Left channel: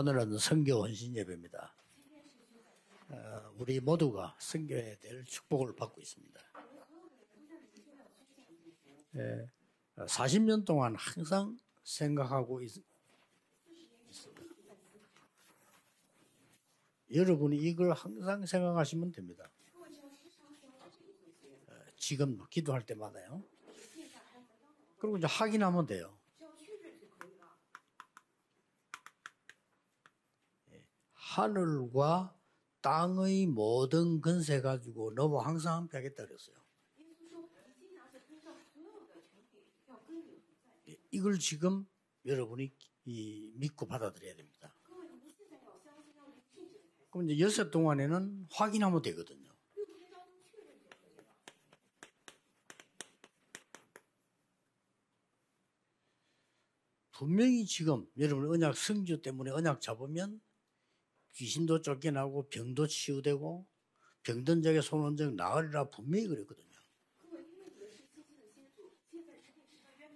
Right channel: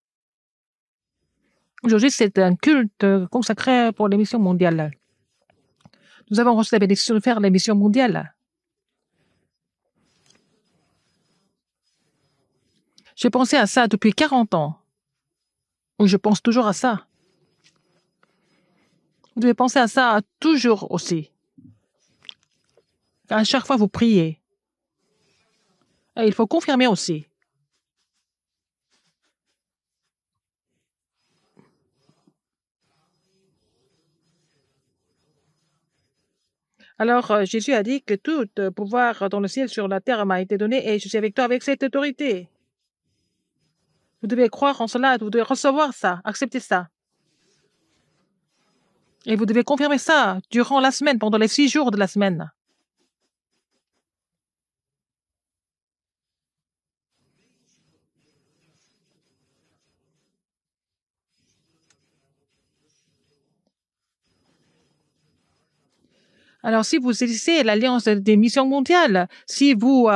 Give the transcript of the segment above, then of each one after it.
오늘은 선교 헌신 예배입니다. Aujourd'hui, c'est un culte consacré pour les missions mondiales. 될 축복을 받고 있습니다. Nous avons reçu la bénédiction de faire les missions mondiales. 40년 동안 항상 생각하고 J'ai pensé à ça depuis 40 ans. Ou je pense toujours à ça. 여러분이 이걸 항상 생각하시면 됩니다. Vous devez penser à ça toujours aussi. 지금 기도할 때마다요. À chaque fois, vous priez. 그리고 이제 확인하면 돼요. Et il faut confirmer aussi. 하늘과 땅의 모든 권세 가지고 너와 항상 함께 하겠다 그랬어요. Alors, Jésus a dit que tout pouvoir dans le ciel sur la terre m'a été donné et je suis avec toi avec cette autorité. 여러분이 믿고 Vous 받아들여요. devez croire en cela, vous devez recevoir ça, accepter ça. 그럼 이제 여섯 동안에는 확인하면 되거든요. Et vous devez confirmer ça durant la semaine, pendant les 6 jours de la semaine. 분명히 지금 여러분 언약 성주 때문에 언약 잡으면 귀신도 쫓겨나고 병도 치유되고 병든 자에게 손 적 나으리라 분명히 그랬거든요. Alors, si vous saisissez l'alliance des missions mondiales, si vous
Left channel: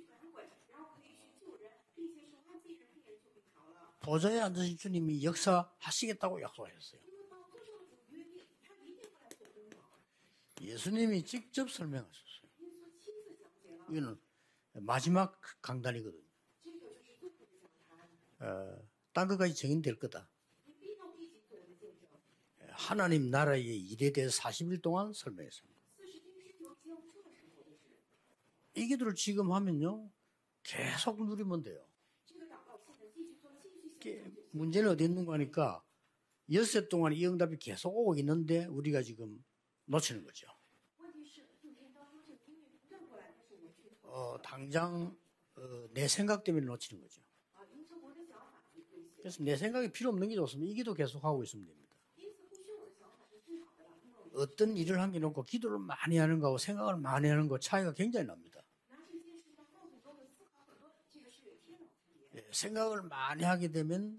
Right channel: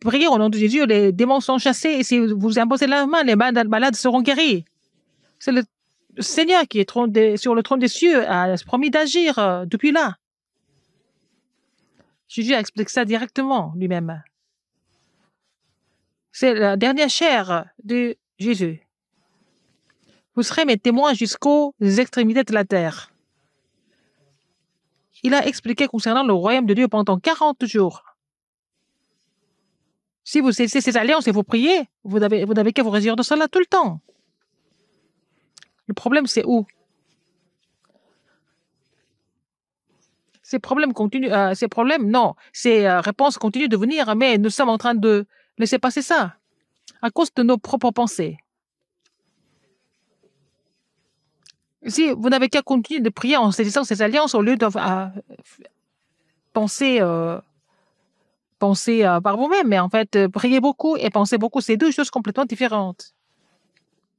priez au nom de Jésus, les démons sont chassés et si vous imposez la main, les malades seront guéris. 주님이 C'est le 역사하시겠다고 Seigneur qui est sur le trône des cieux a promis d'agir depuis là. 예수님이 직접 설명하셨어요. Jésus a expliqué ça directement lui-même. 마지막 강단이거든요. C'est la dernière chair de Jésus. 딴 것까지 증인될 거다. Vous serez mes témoins jusqu'aux extrémités de la terre. 하나님 나라의 일에 대해서 40일 동안 Il a expliqué concernant le royaume de Dieu pendant 40 jours. 이 기도를 지금 하면요. Si vous saisissez ces alliances et vous priez, vous n'avez qu'à vous réjouir de cela tout le temps. 문제는 어디 있는 거니까 Le problème, c'est où? 엿새 동안 이 응답이 계속 오고 있는데 우리가 지금 놓치는 거죠. Ces problèmes continuent, ces problèmes, non, ces réponses continuent de venir, mais nous sommes en train de laisser passer 내 ça 생각 때문에 놓치는 거죠. à cause de nos propres pensées. 그래서 내 생각이 필요 없는 게 좋습니다. 이 기도 계속 하고 있으면 됩니다. Si vous n'avez qu'à continuer de prier en saisissant ces alliances au lieu de 놓고 기도를 많이 하는 거하고 penser, 생각을 많이 하는 거 차이가 굉장히 납니다. penser par vous-même, mais en fait, prier beaucoup et penser beaucoup, c'est deux choses complètement différentes. 생각을 많이 하게 되면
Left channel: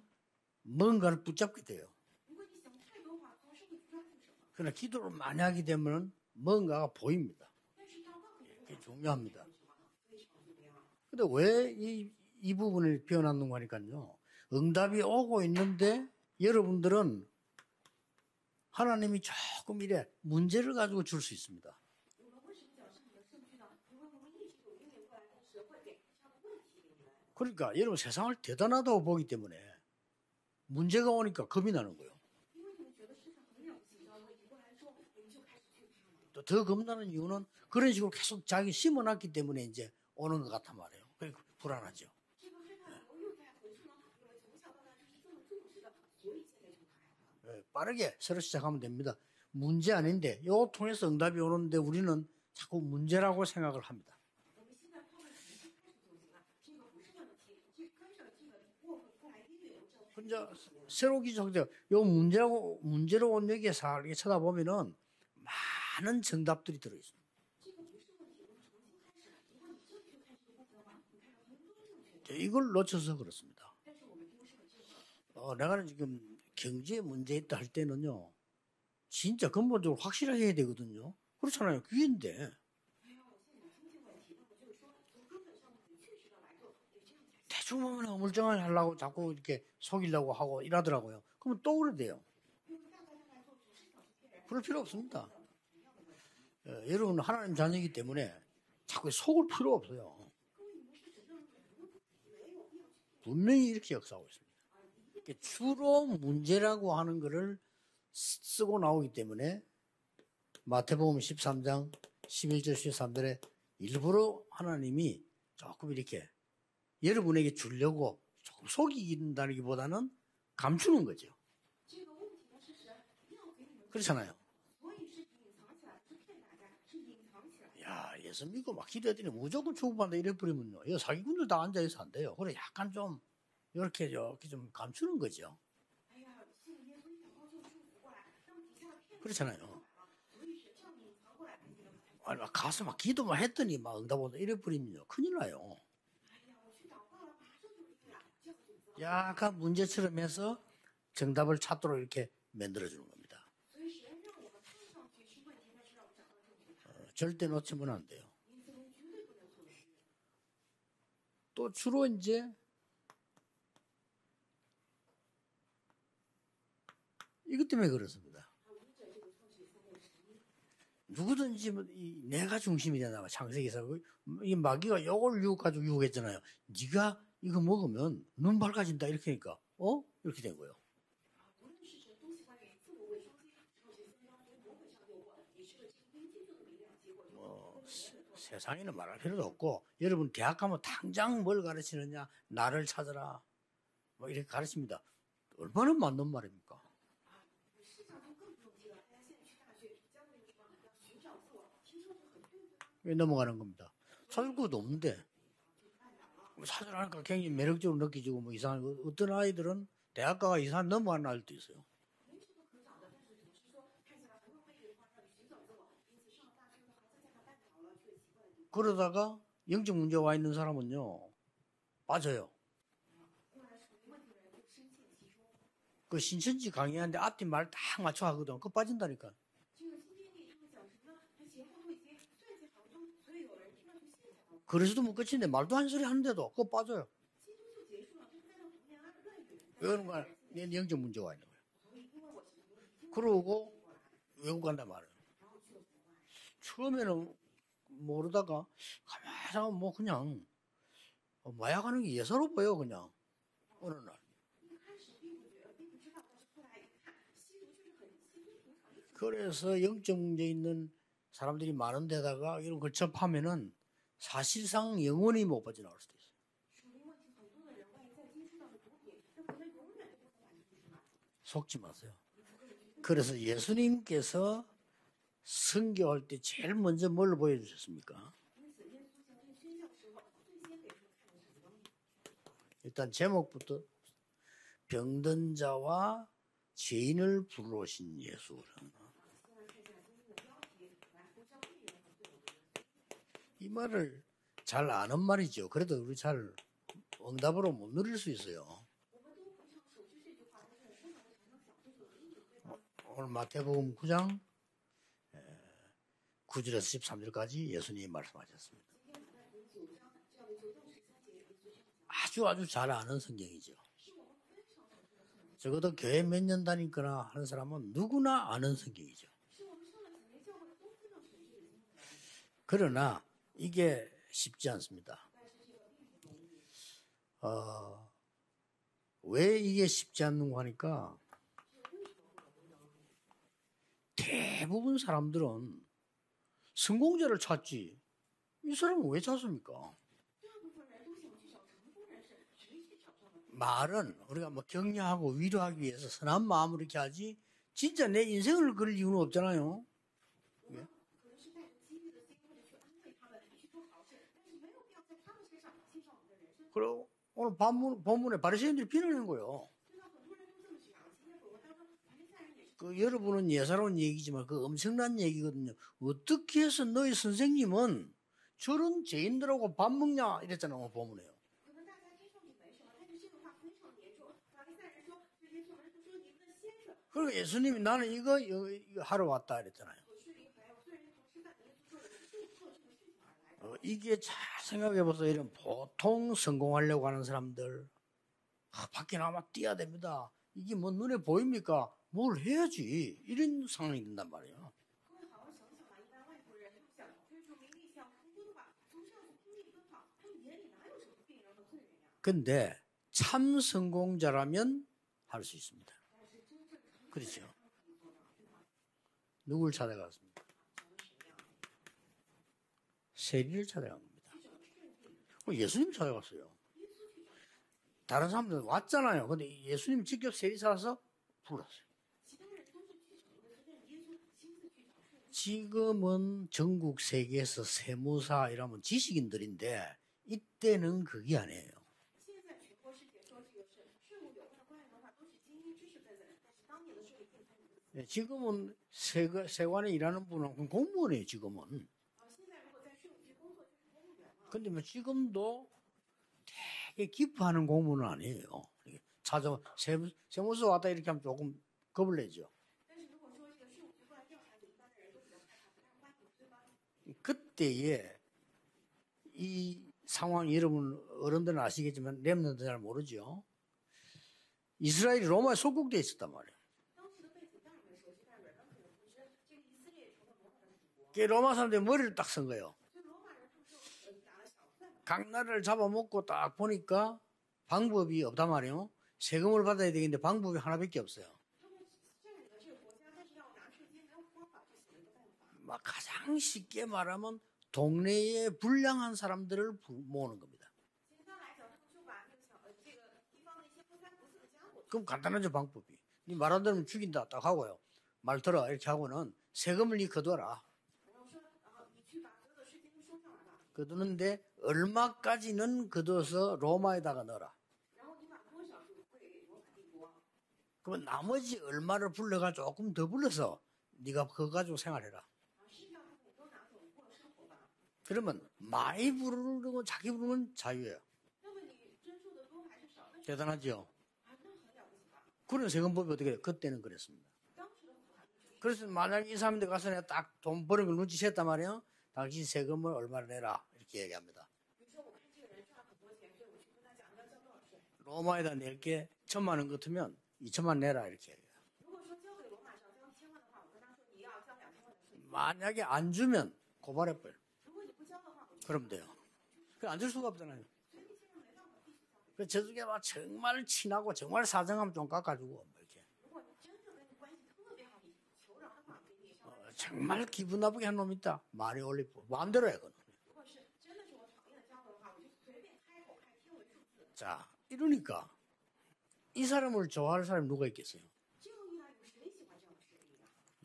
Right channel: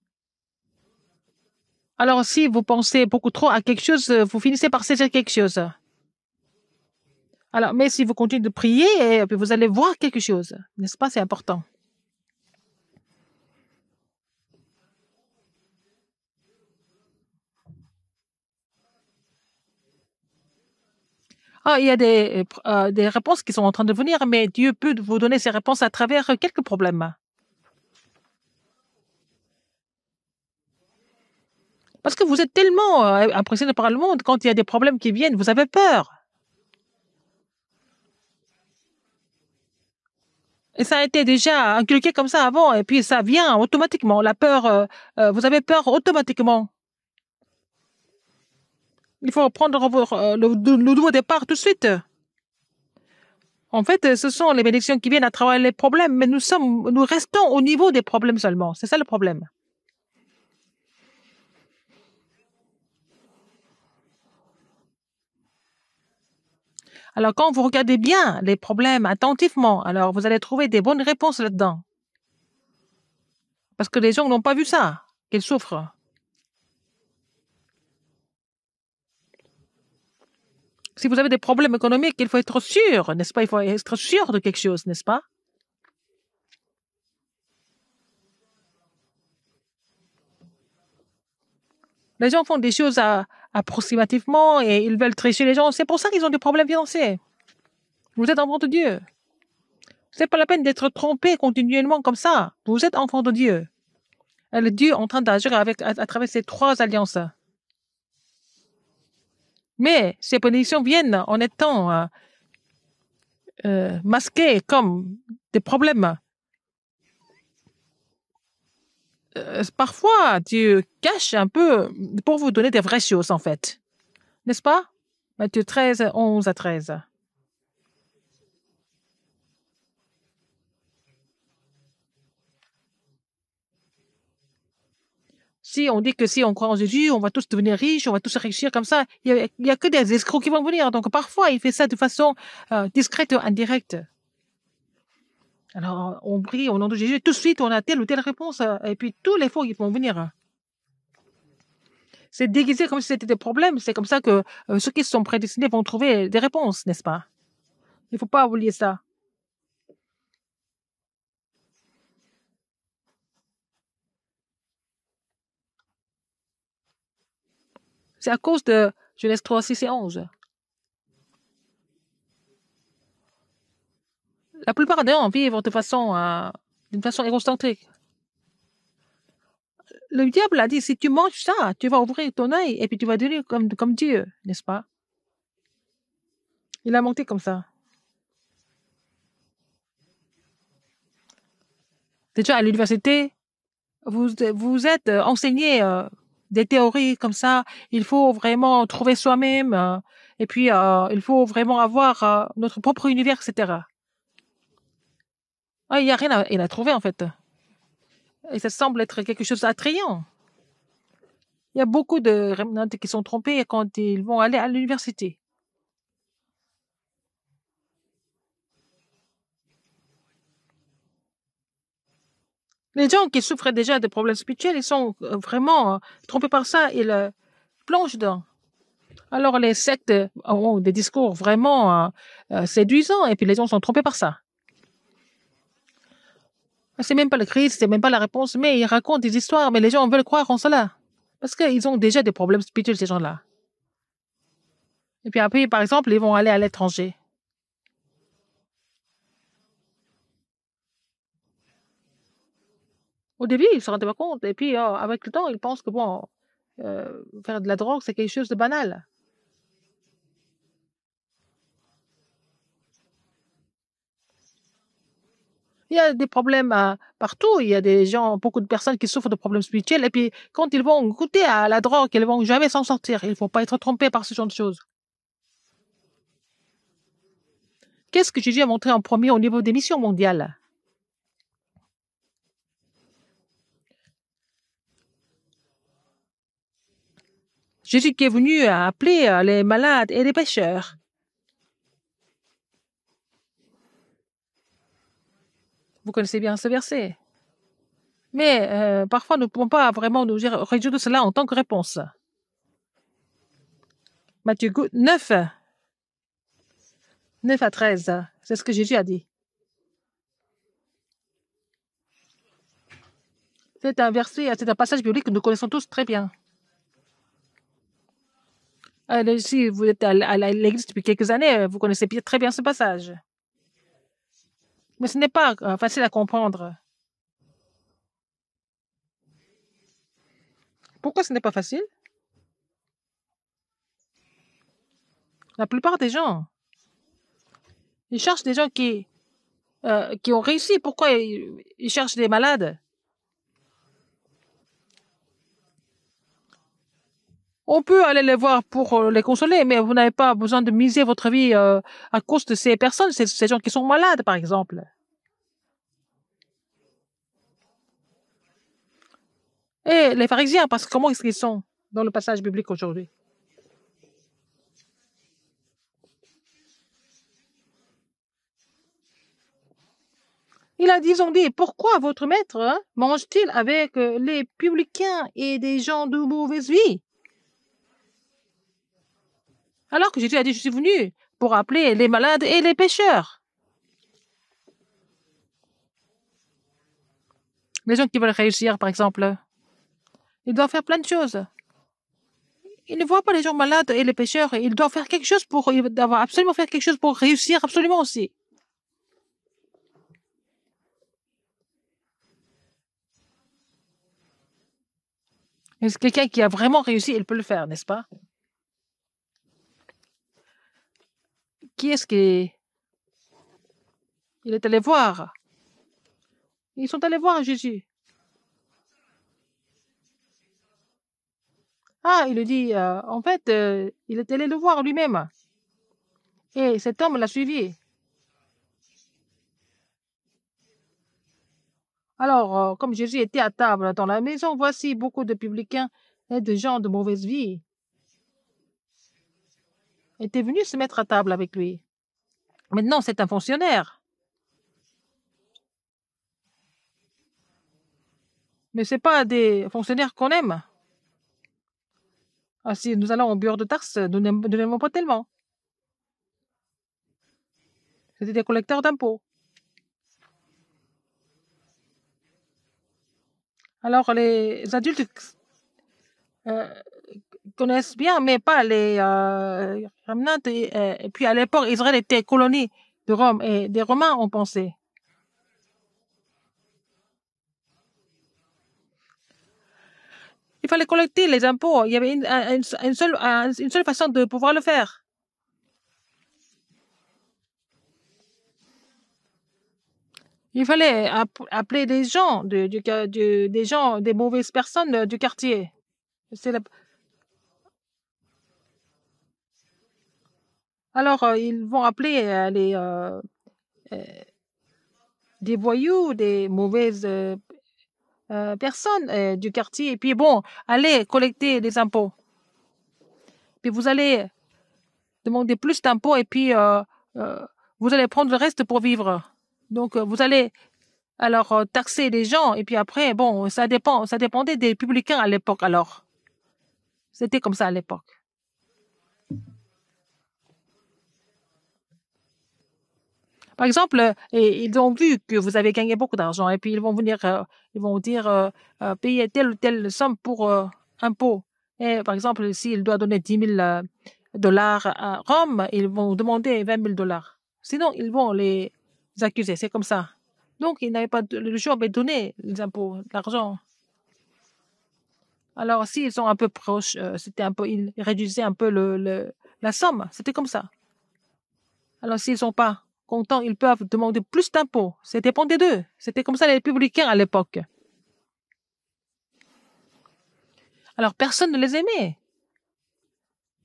뭔가를 붙잡게 돼요. Alors, si vous pensez beaucoup trop à quelque chose, vous finissez par saisir quelque chose. 하게 되면 뭔가가 보입니다. Alors, mais si vous continuez de prier, et puis vous allez voir quelque chose, n'est-ce pas? C'est important. 이 부분을 표현하는 거니까요. 응답이 오고 있는데 여러분들은 하나님이 조금 이래 문제를 가지고 줄 수 있습니다. Ah, il y a des réponses qui sont en train de venir, mais Dieu peut vous donner ces réponses à travers quelques problèmes. 그러니까 여러분 세상을 대단하다고 보기 때문에 문제가 오니까 겁이 나는 거예요. Parce que vous êtes tellement impressionné par le monde, quand il y a des problèmes qui viennent, vous avez peur. 더 겁나는 이유는 그런 식으로 계속 자기 심어놨기 때문에 이제 오는 것 같아요. Et ça a été déjà inculqué comme ça avant, et puis ça vient automatiquement. La peur, vous avez peur automatiquement. 빠르게 새로 시작하면 됩니다. Il faut prendre le nouveau départ tout de suite. 자꾸 문제라고 생각하고 En fait, ce sont les bénédictions qui viennent à travers les problèmes, mais nous restons au niveau des problèmes seulement. C'est ça le problème. 이제 새로 기적돼 요 문제로 온 여기에서 이렇게 쳐다보면은 많은 정답들이 들어요. Alors, quand vous regardez bien les problèmes attentivement, alors vous allez trouver des bonnes réponses là-dedans. 이걸 놓쳐서 그렇습니다. Parce que les gens n'ont pas vu ça, qu'ils souffrent. 지금 경제 문제 있다 할 때는요. 진짜 근본적으로 확실하게 해야 되거든요. Si vous avez des problèmes économiques, il faut être sûr, n'est-ce pas? Il faut être sûr de quelque chose, n'est-ce pas? 대충 보면 어물쩡하게 하려고 자꾸 이렇게 속이려고 하고 이러더라고요. 그러면 또 그래 돼요. Les gens font des choses approximativement et ils veulent tricher les gens. C'est pour ça qu'ils ont des problèmes financiers. 하나님 자녀이기 때문에 Vous êtes enfant de Dieu. 자꾸 속을 필요 없어요. C'est pas la peine d'être trompé continuellement comme ça. Vous êtes enfant de Dieu. 이렇게 역사하고 있어요. Et le Dieu est en train d'agir à travers ces trois alliances. 쓰고 나오기 때문에 Mais ces bénédictions viennent en étant 11절 13절에 masquées comme des problèmes. 여러분에게 주려고 조금 속이긴다기보다는 Parfois, Dieu cache un peu pour vous donner des vraies choses, en fait. 그렇잖아요. N'est-ce pas? Matthieu 13, 11 à 13. 야, 예수 믿고 막 기도했더니 무조건 축복받는다 이래 버리면요. 이 사기꾼들 다 앉아 있어 안 돼요. 그래 약간 좀 이렇게 좀 감추는 거죠. Si on dit que si on croit en Jésus, on va tous devenir riches, on va tous réussir comme ça, il n'y a que des escrocs qui vont venir. Donc parfois, il fait ça de façon discrète ou indirecte. Alors, on prie au nom de Jésus, tout de suite, on a telle ou telle réponse, et puis tous les faux, ils vont venir. C'est déguisé comme si c'était des problèmes. C'est comme ça que ceux qui sont prédestinés vont trouver des réponses, n'est-ce pas? Il ne faut pas oublier ça. 또 주로 이제 이것 때문에 그렇습니다. C'est à cause de Genèse 3, 6 et 11. 누구든지 내가 중심이 되나 창세기에서 이 La 마귀가 plupart des gens 에고를 vivent de 유혹하고 façon, 유혹했잖아요. d'une 네가 façon 이거 égocentrique. 먹으면 눈 밝아진다 이렇게 하니까 Le 그렇게 diable a dit, si tu manges ça, tu vas ouvrir ton œil et puis tu vas devenir comme Dieu, n'est-ce pas? Il a monté comme ça. 세상에는 말할 필요도 없고 여러분 대학 가면 당장 뭘 가르치느냐 Déjà, à 나를 l'université, 찾아라 vous, 이렇게 vous 가르칩니다. êtes enseigné 바로 맞는 말입니다. des théories comme ça. Il faut vraiment trouver soi-même. Et puis, il faut vraiment avoir notre propre univers, 넘어가는 etc. 겁니다. 찾을 것도 없는데 Ah, il n'y a rien à trouver, en fait. 사람을 굉장히 매력적으로 느끼지고 뭐 Et ça 이상하고 semble être 어떤 quelque chose 아이들은 d'attrayant. 대학가가 이상 넘어가는 아이들도 있어요. Il y a beaucoup de rémanentes qui sont trompés quand ils vont aller à l'université. 그러다가 영적 문제 와 있는 사람은요 빠져요. Les gens qui souffrent déjà de problèmes spirituels, ils sont vraiment 그 trompés par 신실지 ça. 강의 Ils 앞뒤 말다 plongent dedans. 맞춰하거든. 그거 빠진다니까. Alors, les sectes ont des discours vraiment séduisants et puis les gens sont trompés par ça. 그래서도 못 끝인데 말도 한 소리 하는데도 그거 빠져요. C'est même pas le Christ, c'est même pas la réponse, mais ils racontent des histoires, mais les gens veulent croire en cela. 영적 문제 와 있는. Parce qu'ils ont déjà des problèmes spirituels, ces gens-là. 그러고 외국 간단 말이에요. Et puis après, par exemple, ils vont aller à l'étranger. 처음에는 모르다가 가만히 뭐 그냥 마약하는 게 예사로 보여 그냥. Au début, ils ne se rendaient pas compte. Et puis, avec le temps, ils pensent que bon, faire de la drogue, c'est quelque chose de banal. 그래서 영적 문제 있는 사람들이 많은 데다가 이런 걸 접하면은 사실상 영원히 못 빠져나. Il y a des problèmes partout. Il y a des gens, beaucoup de personnes qui souffrent de problèmes spirituels. Et puis, quand ils vont goûter à la drogue, ils ne vont jamais s'en sortir. Ils ne vont pas être trompés par ce genre de choses. 선교할 때 제일 먼저 뭘 보여주셨습니까? Qu'est-ce que Jésus a montré en premier au niveau des missions mondiales? 일단 제목부터 병든 자와 죄인을 부르러 Jésus qui est venu appeler les malades et les pécheurs. 이 말을 잘 아는 말이죠. 그래도 Vous connaissez bien ce verset. 응답으로 못 누릴 수 있어요. Mais parfois, nous ne pouvons pas vraiment nous résoudre cela en tant que réponse. 오늘 마태복음 9장 Matthieu 9, 9절에서 13절까지 9 à 13, c'est ce que Jésus a dit. 아주 잘 아는 성경이죠. C'est un verset, c'est un passage biblique que nous connaissons tous très bien. 몇년 다니거나 하는 사람은 누구나 아는 성경이에요. Si vous êtes à l'église depuis quelques années, vous connaissez très bien ce passage. 그러나 이게 쉽지 않습니다. Mais ce n'est pas facile à comprendre. 왜 이게 쉽지 않는가 하니까 Pourquoi ce n'est pas facile? 대부분 사람들은 La plupart des gens, 성공자를 찾지. ils cherchent des gens 이 사람은 왜 찾습니까? qui ont réussi. Pourquoi ils cherchent des malades? 말은 우리가 뭐 격려하고 위로하기 위해서 선한 마음으로 이렇게 하지. On peut aller les voir pour les consoler, mais vous n'avez pas besoin de miser votre vie à cause de ces personnes, ces gens qui sont malades, par exemple. 그리고 오늘 본문에 바리새인들이 비난하는 거예요. Et les pharisiens, parce que comment est-ce qu'ils sont dans le passage biblique aujourd'hui? 여러분은 예사로운 얘기지만 그 엄청난 얘기거든요. 어떻게 해서 너희 선생님은 저런 죄인들하고 밥 먹냐 이랬잖아요. Il a dit, ils ont dit, pourquoi votre maître mange-t-il avec les publicains et des gens de mauvaise vie? 그리고 예수님이 나는 이거 하러 왔다 이랬잖아요. Alors que Jésus a dit, je suis venu pour appeler les malades et les pécheurs. 이게 잘 생각해 보세요. 이런 보통 성공하려고 하는 사람들. Les gens qui veulent réussir, par exemple, 뛰어야 됩니다. ils doivent faire plein de choses. 보입니까? 뭘 해야지. Ils ne voient pas les gens malades et les pécheurs. Ils doivent faire quelque chose pour, ils doivent absolument faire quelque chose pour réussir absolument aussi. 근데 참 성공자라면 할 수 있습니다. Mais c'est quelqu'un qui a vraiment réussi, il peut le faire, n'est-ce pas? 누굴 찾아갔습니까? Qui est-ce qui 세리를 찾아갑니다. il est allé voir? 예수님 찾아갔어요. Ils sont allés voir Jésus. 다른 사람들 왔잖아요. 근데 예수님 직접 세리 찾아서 불렀어요. Ah, il lui dit, en fait, il est allé le voir lui-même. 지금은 예, 전국 cet homme l'a suivi. 세계에서 세무사 이러면 지식인들인데 이때는 그게 아니에요. Alors, comme Jésus était à table dans la maison, voici beaucoup de publicains et de gens de mauvaise vie 지금은 세관에 일하는 étaient venus se mettre à table avec lui. 지금은. Maintenant, c'est un fonctionnaire. 근데 뭐 지금도 되게 기뻐하는 공무는 아니에요. Mais ce n'est pas des fonctionnaires qu'on aime. 세무서 왔다 이렇게 하면 조금 겁을 내죠. Ah, si nous allons au bureau de taxes, nous n'aimons pas tellement. 그때에 C'était des collecteurs d'impôts. 이 상황 여러분 어른들은 아시겠지만 렘넌트 잘 모르죠. Alors, les adultes, 이스라엘이 로마에 속국돼 있었단 말이에요. connaissent bien, mais pas les remnants. Et puis à l'époque, Israël était colonie de Rome et des Romains ont pensé. 각 나라를 잡아먹고 딱 보니까 방법이 없단 말이에요. 세금을 받아야 되겠는데 방법이 Il fallait 하나밖에 없어. collecter les impôts. Il y avait une seule façon de pouvoir le faire. 막 가장 쉽게 말하면 동네에 불량한 사람들을 모으는 겁니다. Il fallait appeler des gens, des gens, des mauvaises personnes du 간단하죠, quartier. 방법이. 네 C'est 말 la- 안 들으면 죽인다 딱 하고요. 말 들어 이렇게 하고는 세금을 니 거둬라. Alors, ils vont appeler 거두는데 des 얼마까지는 voyous, des 거둬서 로마에 mauvaises 달아놔라. personnes du quartier. Et puis, bon, allez collecter 나머지 des 얼마를 impôts. 불러가 조금 더 불러서 Puis, vous 내가 allez 그거 가지고 생활해라. demander plus d'impôts et puis vous allez prendre le reste pour 많이 vivre. 부르는 Donc, 자기 vous 부르는 allez 자유예요. alors taxer les gens. Et puis après, bon, ça dépendait des publicains à l'époque. 그리고 Alors, 세금법이 어떻게 돼? 그때는 그랬습니다. c'était comme ça à l'époque. 그래서 만약 이 사람들 가서 내가 딱 돈 버는 걸 눈치챘단 말이에요. 당신 세금을 얼마나 내라. Par exemple, et ils ont vu que vous avez gagné beaucoup d'argent et puis ils vont venir, ils vont dire payer telle ou telle somme pour impôt. Et par exemple, s'il doit donner 10 000 dollars à Rome, ils vont demander 20 000 dollars. Sinon, ils vont les 그럼 돼요. accuser. C'est comme ça. 안 줄 수가 없잖아요. Donc, ils n'avaient pas le choix de donner les impôts, l'argent. 정말 친하고 정말 사정하면 좀 깎아주고. Alors, s'ils sont un peu proches, ils réduisaient un peu la somme. 정말 C'était comme ça. 기분 나쁘게 한 놈 있다. 많이 올리면 Alors, s'ils ne sont 마음대로 pas contents, ils peuvent demander plus d'impôts. Ça dépendait d'eux. C'était comme ça les républicains à l'époque. 이러니까 이 사람을 좋아할 사람이 누가 있겠어요? Alors, personne ne les aimait.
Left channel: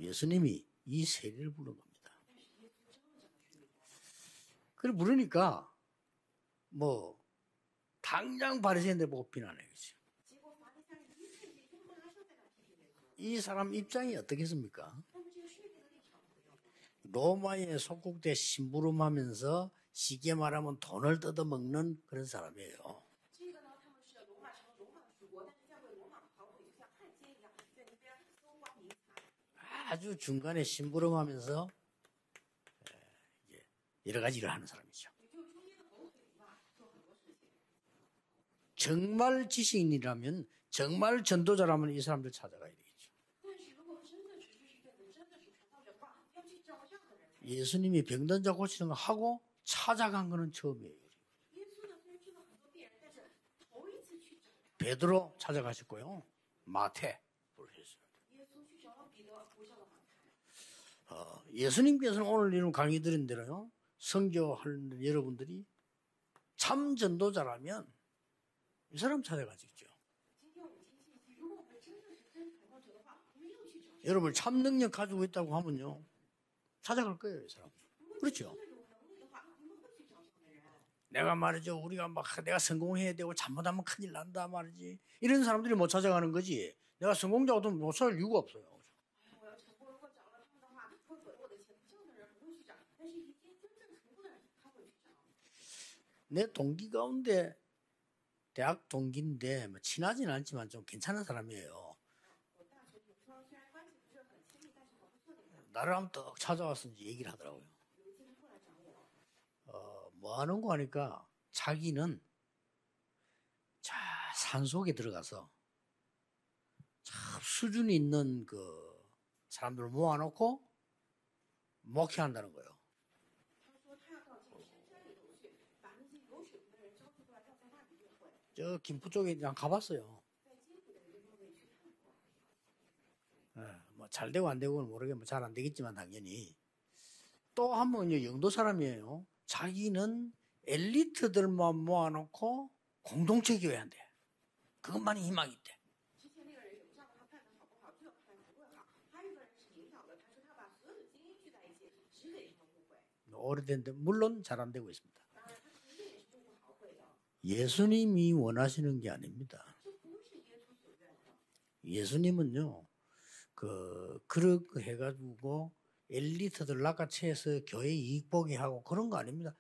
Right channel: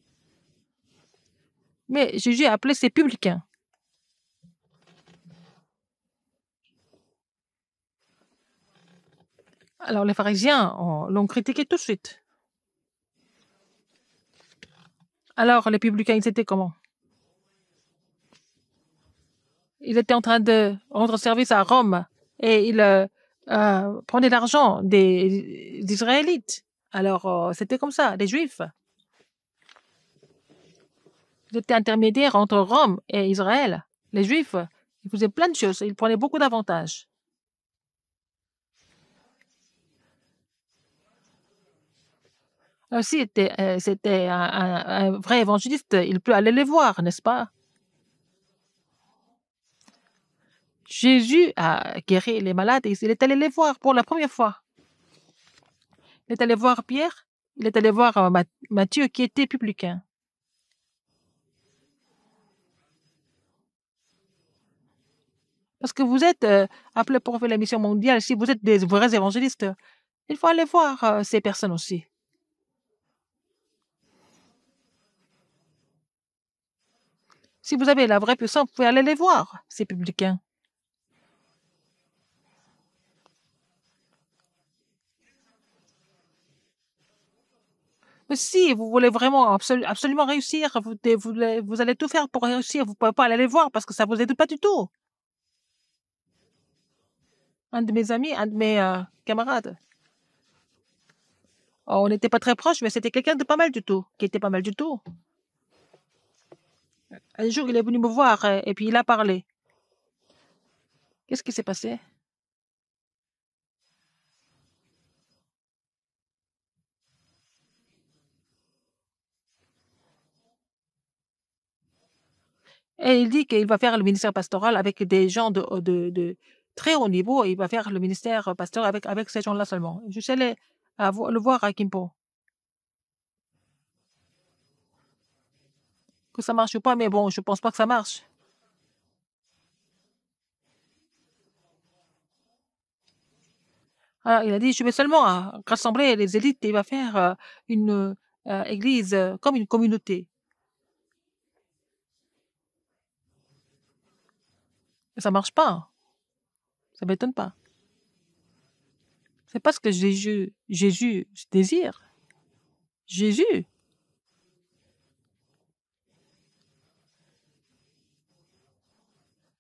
예수님이 이 세리를 부른 거예요. Mais Jésus a appelé ces publicains. 그래 부르니까 뭐 당장 바리새인들 보고 비난해. Alors, les pharisiens l'ont critiqué tout de suite. 이 사람 입장이 어떻겠습니까? Alors, les publicains, ils étaient comment? 로마에 속국돼 심부름하면서 Ils étaient en train de rendre service à Rome et ils prenaient l'argent des Israélites. Alors, c'était comme ça, des Juifs. 아주 중간에 심부름하면서 Ils étaient intermédiaires entre Rome et Israël. 여러 Les 가지를 Juifs, 하는 사람이죠. ils faisaient plein de choses. Ils prenaient beaucoup d'avantages. 정말 지식인이라면 정말 전도자라면 이 사람들 찾아가야 돼. Alors, si c'était un vrai évangéliste, il peut aller les voir, n'est-ce pas? 예수님이 병든 자 고치는 거 하고 찾아간 거는 처음이에요. Jésus a guéri les malades et il est allé les voir pour la première fois. 베드로 찾아가셨고요. Il est allé voir Matthieu. Pierre, il est allé voir Matthieu qui était publicain. 예수님께서는 오늘 이런 강의 드린 대로요. 선교하는 여러분들이 Parce que vous êtes 참 appelés pour faire la mission 전도자라면 mondiale, si vous êtes des vrais évangélistes, il faut aller voir ces personnes aussi. 여러분 참 능력 가지고 있다고 하면요. 찾아갈 거예요. 이 사람. Si vous avez la vraie puissance, vous pouvez aller les voir, ces publicains. 내가 말이죠. 우리가 막 내가 성공해야 되고 잘못하면 큰일 난다 말이지. 이런 사람들이 못 찾아가는 거지. 내가 성공자도 못 찾을 이유가 Mais 없어. si vous voulez vraiment absolument réussir, vous allez tout faire pour réussir. Vous ne pouvez pas aller les voir parce que ça ne vous aide pas du tout. 내 동기 가운데 Un de mes amis, un de mes 대학 동기인데 camarades, 친하진 않지만 좀 괜찮은 사람이에요. on n'était pas très proches, mais c'était quelqu'un de pas mal du tout, qui était pas mal du tout. 나를 한번 떡 찾아왔는지 얘기를 Un 하고 jour, il est venu me voir et puis il a parlé. 뭐 하는 거 하니까 Qu'est-ce qui s'est passé? 자기는 자 산속에 들어가서 참 수준이 있는 그 사람들을 모아놓고 목회한다는 거예요. Et il dit qu'il va faire le ministère pastoral avec des gens de très haut niveau. Et il va faire le ministère pastoral avec ces gens-là seulement. Je suis allé le voir à Kimpo. 잘 되고 안 되고는 모르겠지만 잘 안 되겠지만 당연히. Que ça marche ou pas, mais bon, je pense pas que ça marche. 영도 사람이에요. 자기는 엘리트들만 모아놓고 공동체 교회 한대요. Alors, il a dit, je vais seulement rassembler les élites et il va faire une église comme une communauté. 오래됐는데 물론 잘 안 되고 있습니다. Ça marche pas. Ça m'étonne pas. 예수님이 원하시는 게 아닙니다. C'est pas ce que Jésus désire. 예수님은요. Jésus, 그렇게 해가지고 엘리트들 낚아채서 교회 이익 보게 하고 그런 거 아닙니다.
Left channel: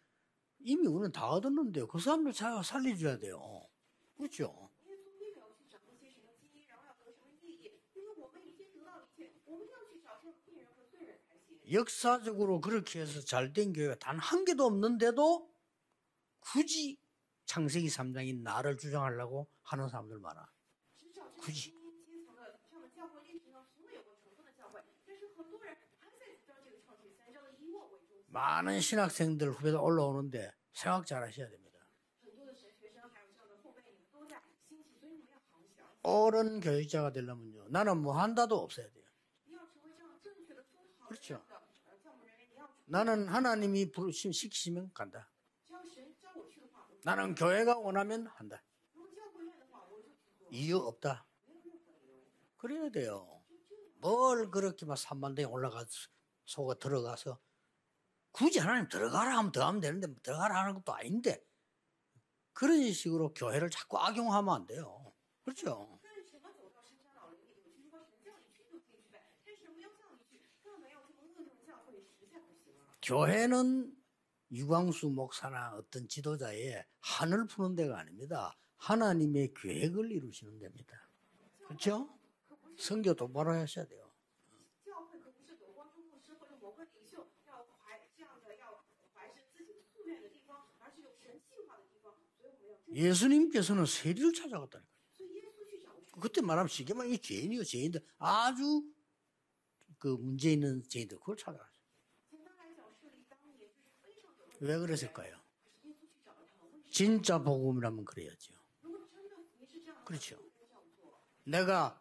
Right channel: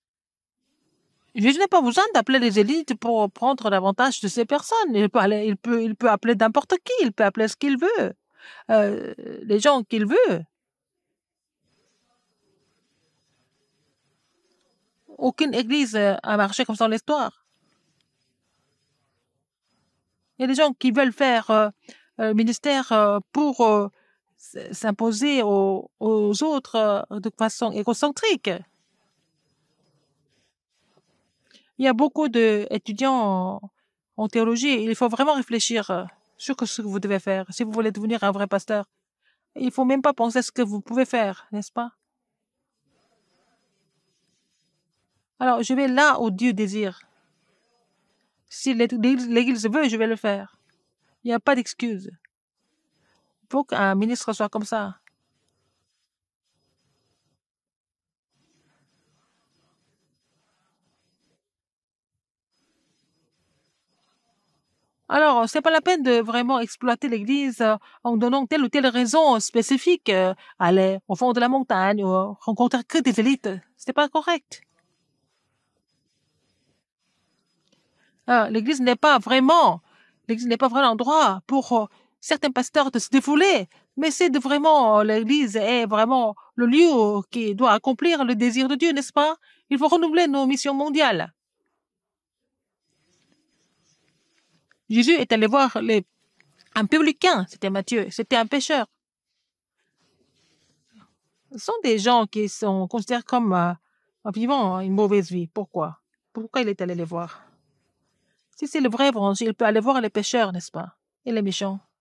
이미 우리는 다 Jésus n'a pas besoin d'appeler les élites pour prendre davantage de ces personnes. Il peut appeler n'importe qui. Il peut appeler ce qu'il veut. Les gens qu'il veut. 역사적으로 그렇게 해서 잘된 교회가 단 한 개도 없는데도 Aucune église a marché comme ça dans l'histoire. 창세기 3장인 나를 주장하려고 하는 사람들 Il y a 많아요. des gens qui veulent faire ministère pour s'imposer aux autres de façon égocentrique. 많은 신학생들 후배들 올라오는데 생각 잘 하셔야 됩니다. Il y a beaucoup d'étudiants en théologie. Il faut vraiment réfléchir sur ce que vous devez faire. Si vous voulez devenir un vrai pasteur, il ne faut même pas penser à ce que vous pouvez faire, n'est-ce pas? 나는 하나님이 시키시면 간다. Alors, je vais là où Dieu désire. 나는 교회가 원하면 한다. Si l'Église veut, je vais le faire. 이유 없다. Il n'y a pas d'excuse. 그래야 돼요. Il faut qu'un ministre soit comme 그렇게 ça. 막 산만대에 올라가 속아 들어가서 굳이 하나님 들어가라 하면 들어가면 되는데 들어가라 하는 것도 아닌데 그런 식으로 교회를 자꾸 악용하면 안 돼요. Alors, ce n'est pas la peine de vraiment exploiter l'Église en donnant telle ou telle raison spécifique. Aller au fond de la montagne ou rencontrer que des élites. Ce n'est pas correct. 유광수 목사나 어떤 지도자의 한을 푸는 데가 아닙니다. L'Église n'est pas vraiment l'endroit pour certains pasteurs de se défouler, mais c'est de vraiment, l'Église est vraiment le lieu qui doit accomplir le désir de Dieu, n'est-ce pas? Il faut renouveler nos missions mondiales. 예수님께서는 세리를 찾아갔다. Jésus est allé voir 그때 말하면 un publicain, c'était Matthieu, c'était un pécheur. 그 문제 있는 죄인들 그걸 찾아. Ce sont des gens qui sont considérés comme vivant une mauvaise vie. Pourquoi? Pourquoi il est allé les voir? 진짜 복음이라면 그래야죠. Si c'est le vrai évangile, il peut aller voir les pécheurs, n'est-ce pas? Et les méchants. 내가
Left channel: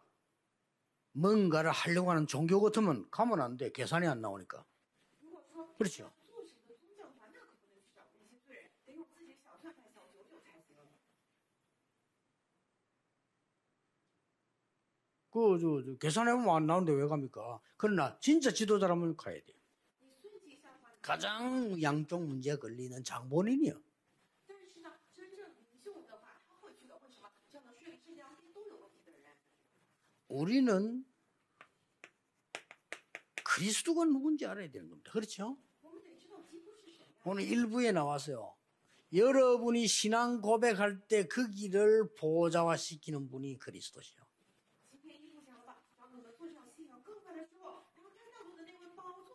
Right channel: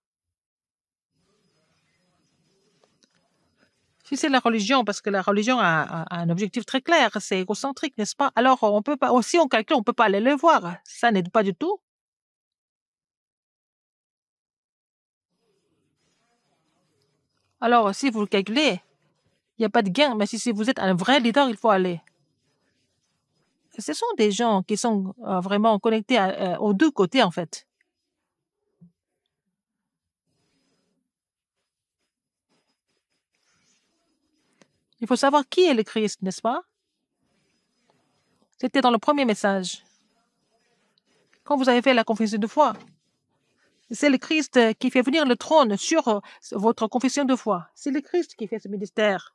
뭔가를 하려고 하는 종교 같으면 가면 안 돼. 계산이 안 Si c'est la 돼. religion, parce que la religion a un objectif très clair, c'est égocentrique, n'est-ce pas? Alors, on peut pas, si on calcule, on ne peut pas aller le voir. Ça n'aide pas du tout. 계산해보면 안 나오는데 왜 갑니까? Alors, si vous 진짜 calculez, 지도자라면 가야 돼. il n'y a pas de gain, mais si vous êtes un vrai leader, il faut aller. 양쪽 문제 걸리는 장본인이요. Ce sont des gens qui sont vraiment connectés aux deux côtés, en fait. 우리는 그리스도가 누군지 알아야 되는 겁니다. Il faut savoir qui est le Christ, n'est-ce pas? 오늘 일부에 나왔어요. C'était dans le premier message. 여러분이 신앙 고백할 때 그 Quand vous avez fait la confession de foi, 시키는 분이 그리스도. c'est le Christ qui fait venir le trône sur votre confession de foi. C'est le Christ qui fait ce ministère.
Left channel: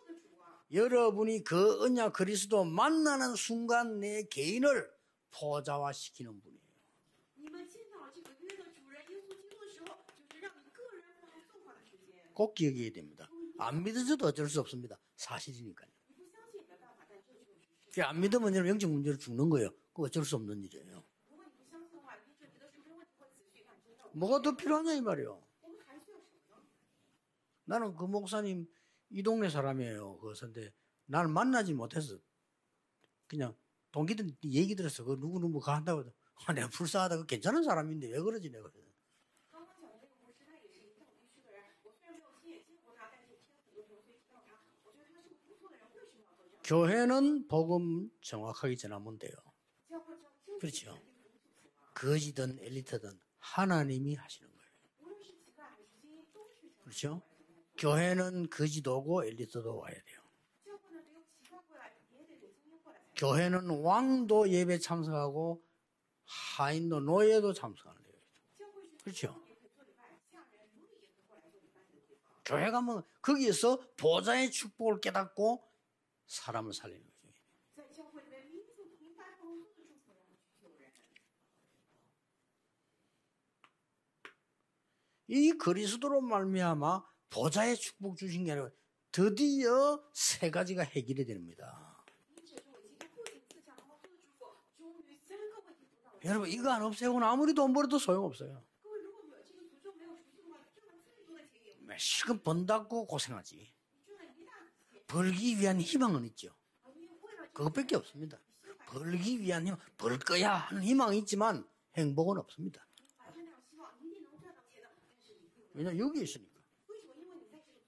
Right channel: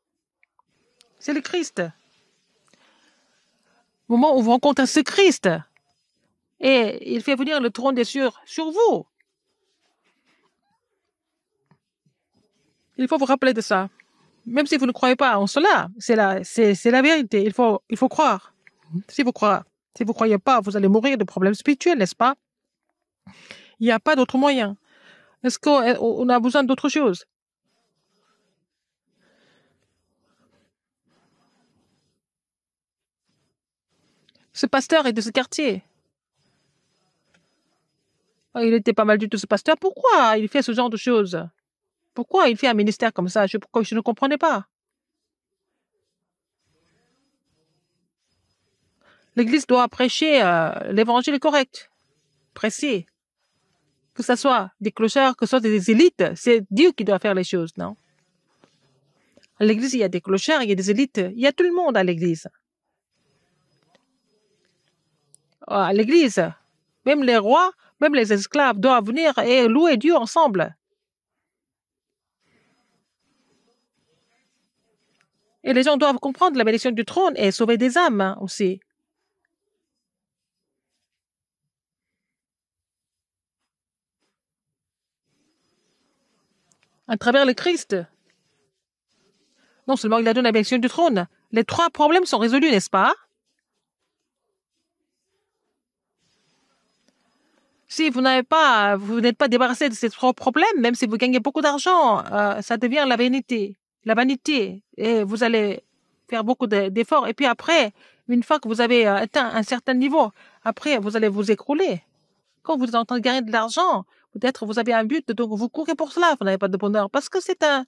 C'est le Christ. 여러분이 그 언약 그리스도 만나는 순간 내 Au moment où vous rencontrez ce Christ, 보좌화시키는 분. et il fait venir le trône des cieux sur vous. 꼭 기억해야 돼요. Il faut vous rappeler de ça. 안 믿어져도 어쩔 수 Même si vous ne 없습니다. croyez pas en cela, c'est la vérité. Il faut 안 croire. 믿으면 여러분 영적 문제를 Si vous 죽는 거예요. ne croyez pas, vous allez mourir de problèmes spirituels, n'est-ce pas? Il n'y a pas d'autre 뭐가 더 moyen. 필요하냐 이 말이에요. Est-ce qu'on a besoin d'autre chose? 나는 그 목사님 이 동네 사람이에요. 그런데 나는 만나지 못해서 그냥 동기들 Ce pasteur est de ce quartier. 내가 불쌍하다. 괜찮은 사람인데 왜 그러지? Il était pas mal du tout, ce pasteur. Pourquoi il fait ce genre de choses? Pourquoi il fait un ministère comme ça? Je ne comprenais pas. 교회는 복음 정확하게 전하면 돼요. L'Église doit prêcher l'évangile correct, 거지든 précis. 일이든 하나님이 Que ce soit des clochards, que ce soit des élites. C'est Dieu qui doit faire les choses. Non. 교회는 거지도고 엘리트도 À l'Église, il y a des clochards, il y a des élites. Il y a tout le monde à l'Église. 교회는 왕도 예배 참석하고 À l'Église, 하인도 même les 노예도 rois, 참석하고. même les esclaves doivent venir et louer Dieu ensemble. 교회 가면 거기에서 보좌의 축복을 깨닫고 Et les gens doivent comprendre la bénédiction du trône et sauver des âmes aussi. 이 그리스도로 말미암아 À travers le 보좌의 Christ, 축복 주신 게 아니라 드디어 non seulement il a donné la bénédiction du trône, les trois problèmes sont résolus, n'est-ce pas? 여러분 이거 안 없애고는 아무리 돈 벌어도 Si vous 소용없어요. vous n'êtes pas débarrassé de ces trois problèmes, même si vous gagnez beaucoup d'argent, ça devient la vanité. La vanité. Et vous 그걸 allez 위한 희망은 faire 있죠. beaucoup d'efforts. Et puis après, 그것밖에 없습니다. une fois que vous avez atteint un certain niveau, après, vous allez vous écrouler. 행복은 없습니다. Quand vous êtes en train de gagner de l'argent, peut-être vous avez un but, donc vous courez pour cela, vous n'avez pas de bonheur. Parce que 진짜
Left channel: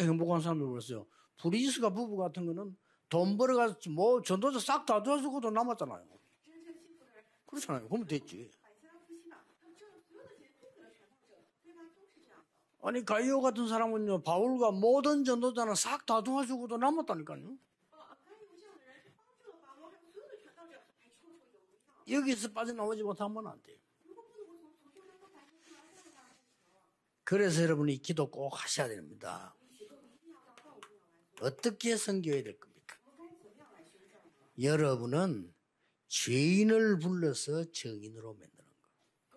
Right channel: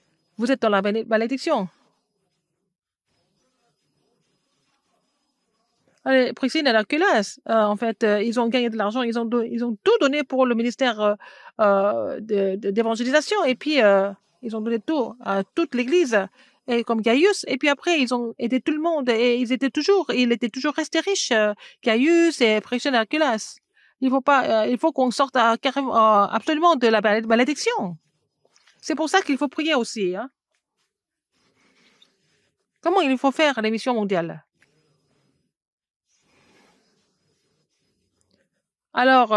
행복한 vous êtes dans la 사람이 있어요. malédiction. 브리스가 부부 같은 거는 돈 벌어가지고 뭐 전도자 sak 다 도와주고도 남았잖아요. Priscille et Aquila, en fait, ils ont gagné de l'argent, ils ont tout donné pour le ministère d'évangélisation. Et puis, ils ont donné tout à toute l'Église. Et comme Gaius, et puis après, ils ont aidé tout le monde. Et il était toujours resté riche, Gaius et Priscille et Aquila. Il faut qu'on sorte absolument de la malédiction. C'est pour ça qu'il faut prier aussi. Hein. 어떻게 섬겨야 될 겁니까? Comment il faut faire les missions mondiales? 여러분은 죄인을 불러서 정인으로 만드는 거예요. Alors,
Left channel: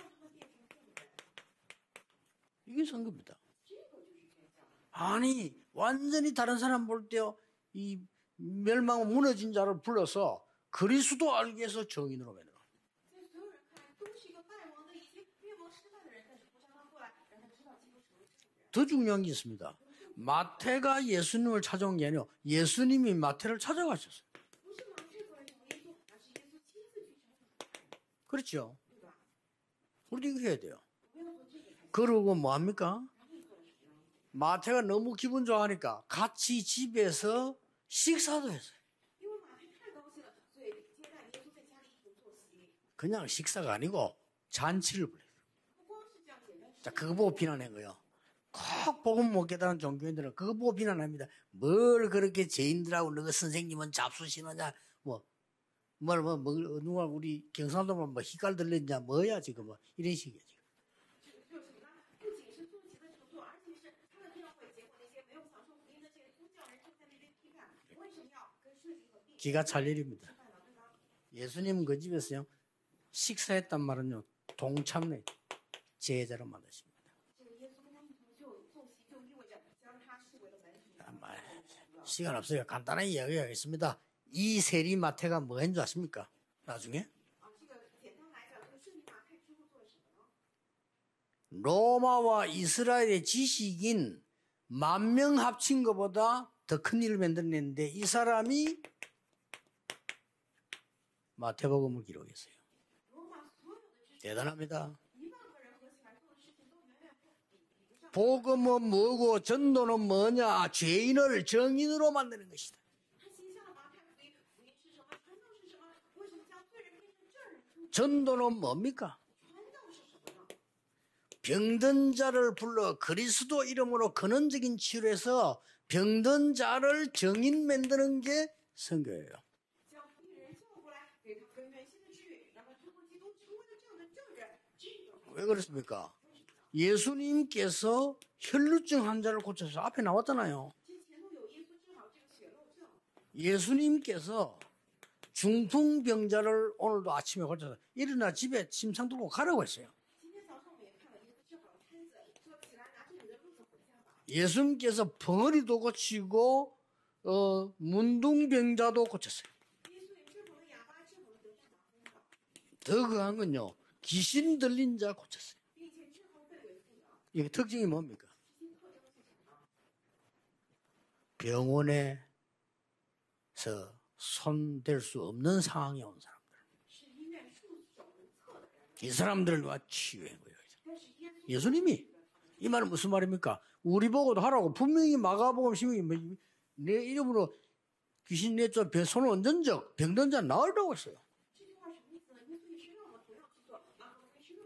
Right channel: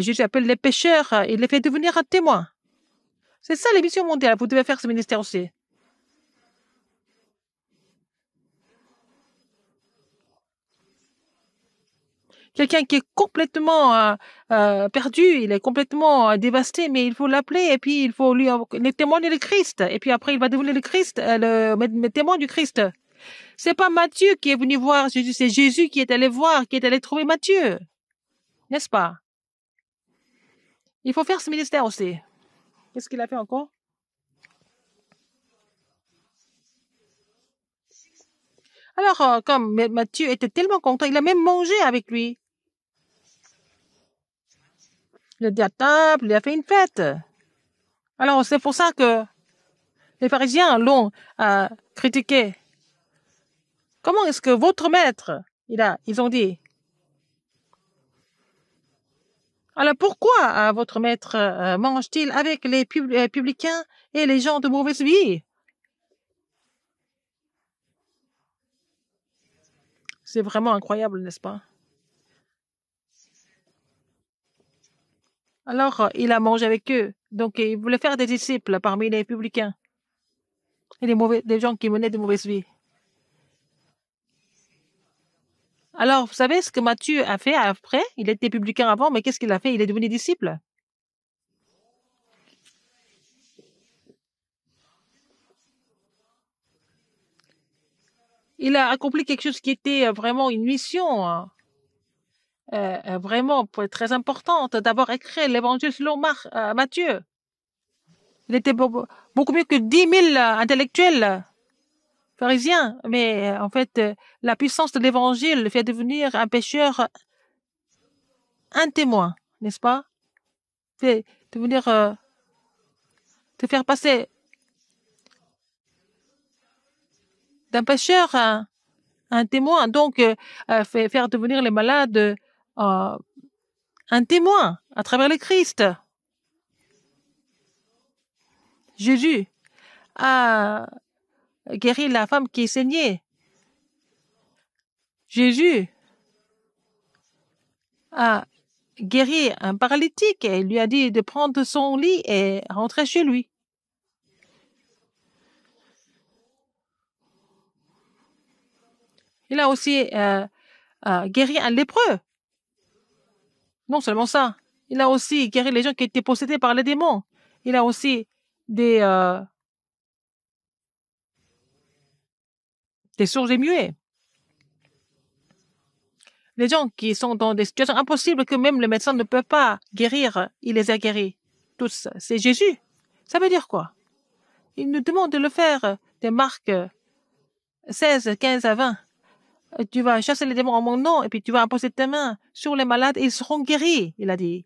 Jésus appelle les pécheurs, il les fait devenir témoins. 이게 선교입니다. C'est ça les missions mondiales. Vous devez faire ce ministère aussi. 아니 완전히 다른 사람 볼 때요. 이 멸망 무너진 자를 불러서 그리스도 알기 위해서 정인으로 만들어. Quelqu'un qui est complètement perdu, il est complètement dévasté, mais il faut l'appeler et puis il faut lui le témoigner le Christ. Et puis après, il va devenir le Christ, le témoin du Christ. 예수님이 마태를 C'est pas 찾아왔어요. Matthieu qui est venu voir Jésus, c'est Jésus qui est allé voir, qui est allé trouver Matthieu, 그렇죠. n'est-ce pas? 우리도 이거 해야 돼요. Il faut faire ce ministère aussi. 그리고 뭐 합니까? Qu'est-ce qu'il a fait encore? 마태가 너무 기분 좋아하니까 같이 집에서 식사도 했어요. Alors, comme Matthieu était tellement content, il a même mangé avec lui. 그냥 식사가 아니고 잔치를 벌였어요. Il a dit à table, il a fait une fête. 그거 보고 비난한 거예요. Alors, c'est pour ça que 복음 못 깨달은 종교인들은 les pharisiens 그거 l'ont 비난합니다. critiqué. 그렇게 죄인들하고 너가 선생님은 Comment est-ce que votre maître, ils ont dit, 누가 우리 경상도만 뭐 희깔 들렸냐 뭐야 지금. alors pourquoi votre maître mange-t-il avec les publicains et les gens de mauvaise vie? 기가 찰 일입니다. C'est vraiment incroyable, n'est-ce pas? 예수님은 그 집에서요 식사했단 말은요 동참네. Alors, il a mangé avec eux. Donc, il voulait faire des disciples parmi les publicains et des gens qui menaient de mauvaise vie. 간단하게 이야기하겠습니다. 이 세리 마태가 뭐 했는 줄 아십니까? Alors, vous savez ce que 나중에? Matthieu a fait après? Il était publicain avant, mais qu'est-ce qu'il a fait? Il est devenu disciple. 로마와 이스라엘의 지식인 10,000명 합친 것보다 더 큰 일을 만들어냈는데 이 사람이 Il a accompli quelque chose qui était vraiment une mission, 마태복음을 기록했어요. vraiment très importante, d'avoir écrit l'évangile selon Matthieu. Il était beaucoup mieux que 10 000 intellectuels pharisiens. Mais en fait, la puissance de l'évangile le fait devenir un pécheur, un témoin, n'est-ce pas? Fait devenir, 병든자를 불러 그리스도 faire 이름으로 passer 근원적인 치료해서 병든 자를 정인 d'un 만드는 pécheur 게 à 선교예요. un témoin. Donc, faire devenir les malades un témoin à travers le Christ. 그렇습니다. 예수님께서 혈루증 Jésus 환자를 고쳐서 앞에 나왔잖아요. a guéri la femme qui saignait. 예수님께서 Jésus 중풍병자를 오늘도 아침에 고쳐서 일어나 a 집에 침상 guéri 가라고 un 했어요. paralytique et il lui a dit de prendre son lit et rentrer chez lui. 예수님께서 벙어리도 고치고 문둥병자도 고쳤어요. Il a aussi guéri un lépreux. 더 그한 건요. Non seulement ça, 귀신 들린 il a 자 aussi guéri les gens qui étaient possédés par les démons. 이게 Il a 특징이 aussi des 병원에 sourds et muets. 손댈 수 없는 상황이 온 사람. Les gens qui sont dans des situations impossibles que même le médecin ne peut pas guérir, il les a guéris. 예수님이 Tous. C'est 이 Jésus. 말은 무슨 Ça veut 말입니까? dire quoi? 우리 보고도 하라고 Il nous 분명히 demande de le faire. 마가복음이 Des Marc 내 이름으로 16, 15 à 20. 손을 얹은저 Et tu vas chasser les démons en mon nom et puis tu vas imposer tes mains sur les malades et ils seront guéris, il a dit.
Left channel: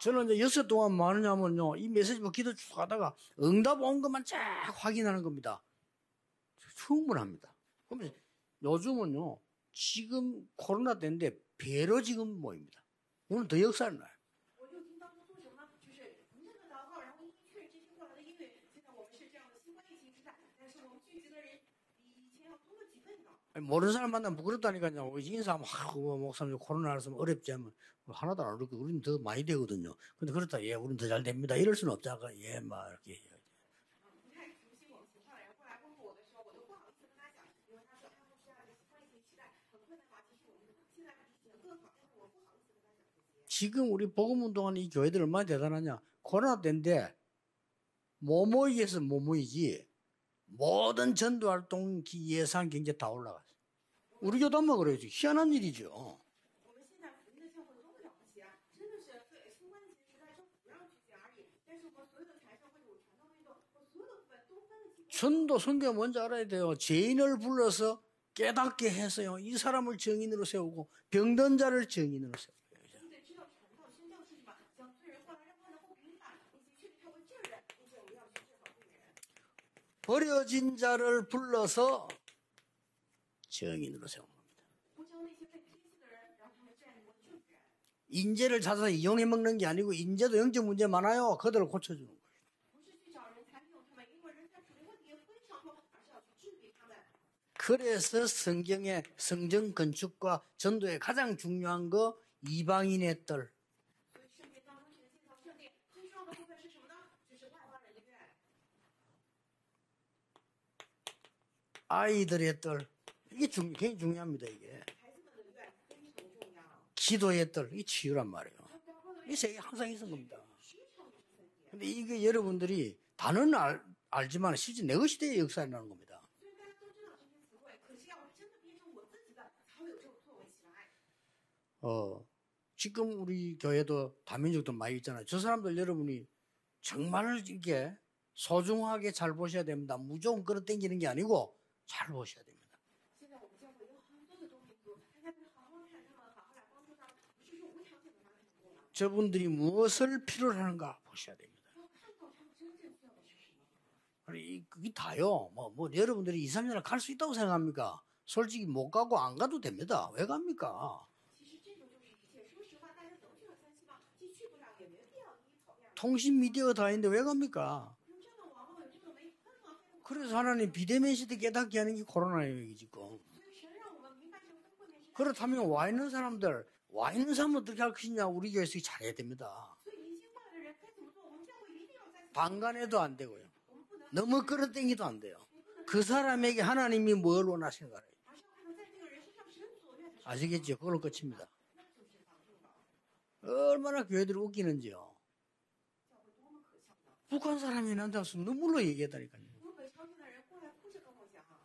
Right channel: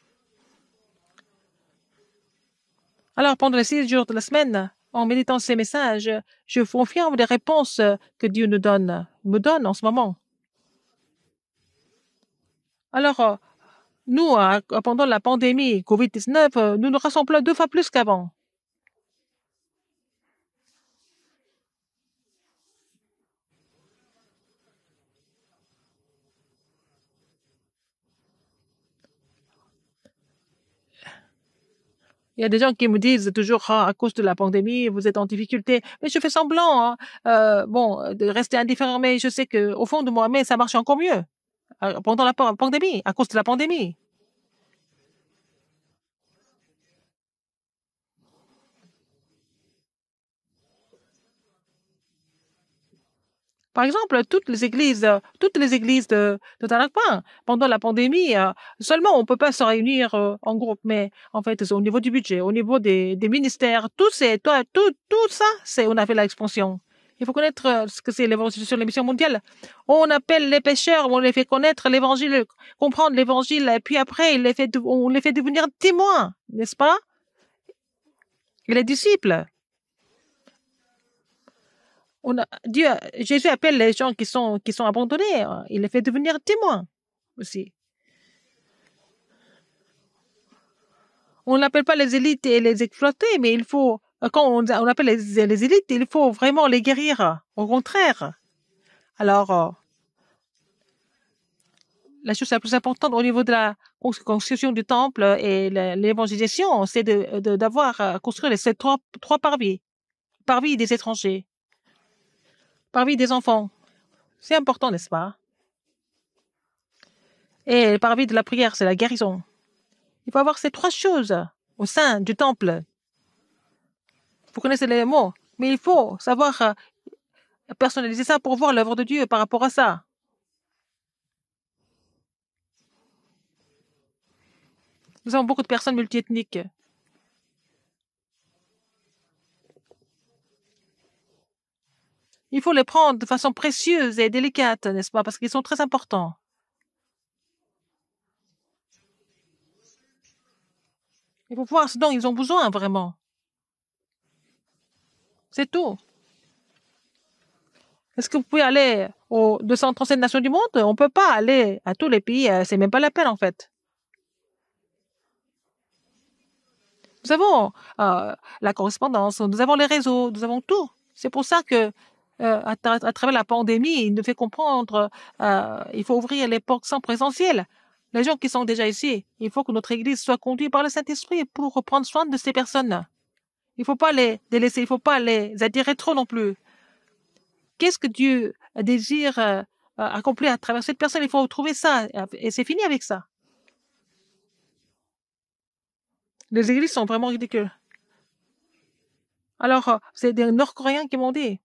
저는 이제 6일 동안 뭐 하느냐면요. 이 메시지 뭐 기도 쭉 하다가 Alors, pendant les 6 jours de la semaine, en méditant ces messages, je confirme les réponses que Dieu nous me donne en ce moment. 지금 코로나 때인데 배로 지금 모입니다. Alors, 오늘 더 역사를 나요. nous, pendant la pandémie COVID-19, nous nous rassemblons 2 fois plus qu'avant. 모르는 사람 만나면 부끄럽다니까요. 인사하면 목사님 코로나라서 어렵지 않으면 하나도 안 어렵고 우리는 더 많이 되거든요. 근데 그렇다 예, 우리는 더 잘 됩니다. 이럴 수는 없잖아요. Il y a des gens qui me disent toujours, ah, à cause de la pandémie, vous êtes en difficulté. Mais je fais semblant, de rester indifférent, mais je sais qu'au fond de moi-même, ça marche encore mieux. Pendant la pandémie, à cause de la 지금 pandémie. 우리 복음 운동하는 이 교회들 얼마나 대단하냐. 코로나 때인데 못 모이기 위해서 못 모이지. 모든 전도 활동 예산 경제 다 올라갔어요. Par exemple, toutes les églises de Tanakpa, pendant la pandémie, seulement on ne peut pas se réunir en groupe, mais en fait, c'est au niveau du budget, au niveau des ministères, tout ça, on avait l'expansion. Il faut connaître ce que c'est l'évangile sur les missions mondiales. On appelle les pécheurs, on les fait connaître l'évangile, comprendre l'évangile, et puis après, on les fait devenir témoins, n'est-ce pas? Et les disciples. 버려진 자를 불러서 Jésus appelle les gens qui sont abandonnés. Il les fait devenir témoins aussi. On n'appelle pas les élites et les exploiter, mais il faut, quand on appelle les élites, il faut vraiment les guérir. Au contraire. Alors, la chose la plus importante au niveau de la construction du temple et l'évangélisation, c'est d'avoir construit ces trois parvis des étrangers, parvis des enfants. C'est important, n'est-ce pas? Et parvis de la prière, c'est la guérison. Il faut avoir ces trois choses au sein du temple. Vous connaissez les mots, mais il faut savoir personnaliser ça pour voir l'œuvre de Dieu par rapport à ça. Nous avons beaucoup de personnes multiethniques. Il faut les prendre de façon précieuse et délicate, n'est-ce pas? Parce qu'ils sont très importants. Il faut voir ce dont ils ont besoin vraiment. C'est tout. Est-ce que vous pouvez aller aux 237 nations du monde? On ne peut pas aller à tous les pays. C'est même pas la peine en fait. Nous avons la correspondance, nous avons les réseaux, nous avons tout. C'est pour ça que, à travers la pandémie, il nous fait comprendre il faut ouvrir les portes sans présentiel. Les gens qui sont déjà ici, il faut que notre Église soit conduite par le Saint-Esprit pour prendre soin de ces personnes. Il ne faut pas les laisser, il ne faut pas les attirer trop non plus. Qu'est-ce que Dieu désire accomplir à travers cette personne? Il faut trouver ça et c'est fini avec ça. Les églises sont vraiment ridicules. Alors, c'est des Nord-Coréens qui m'ont dit.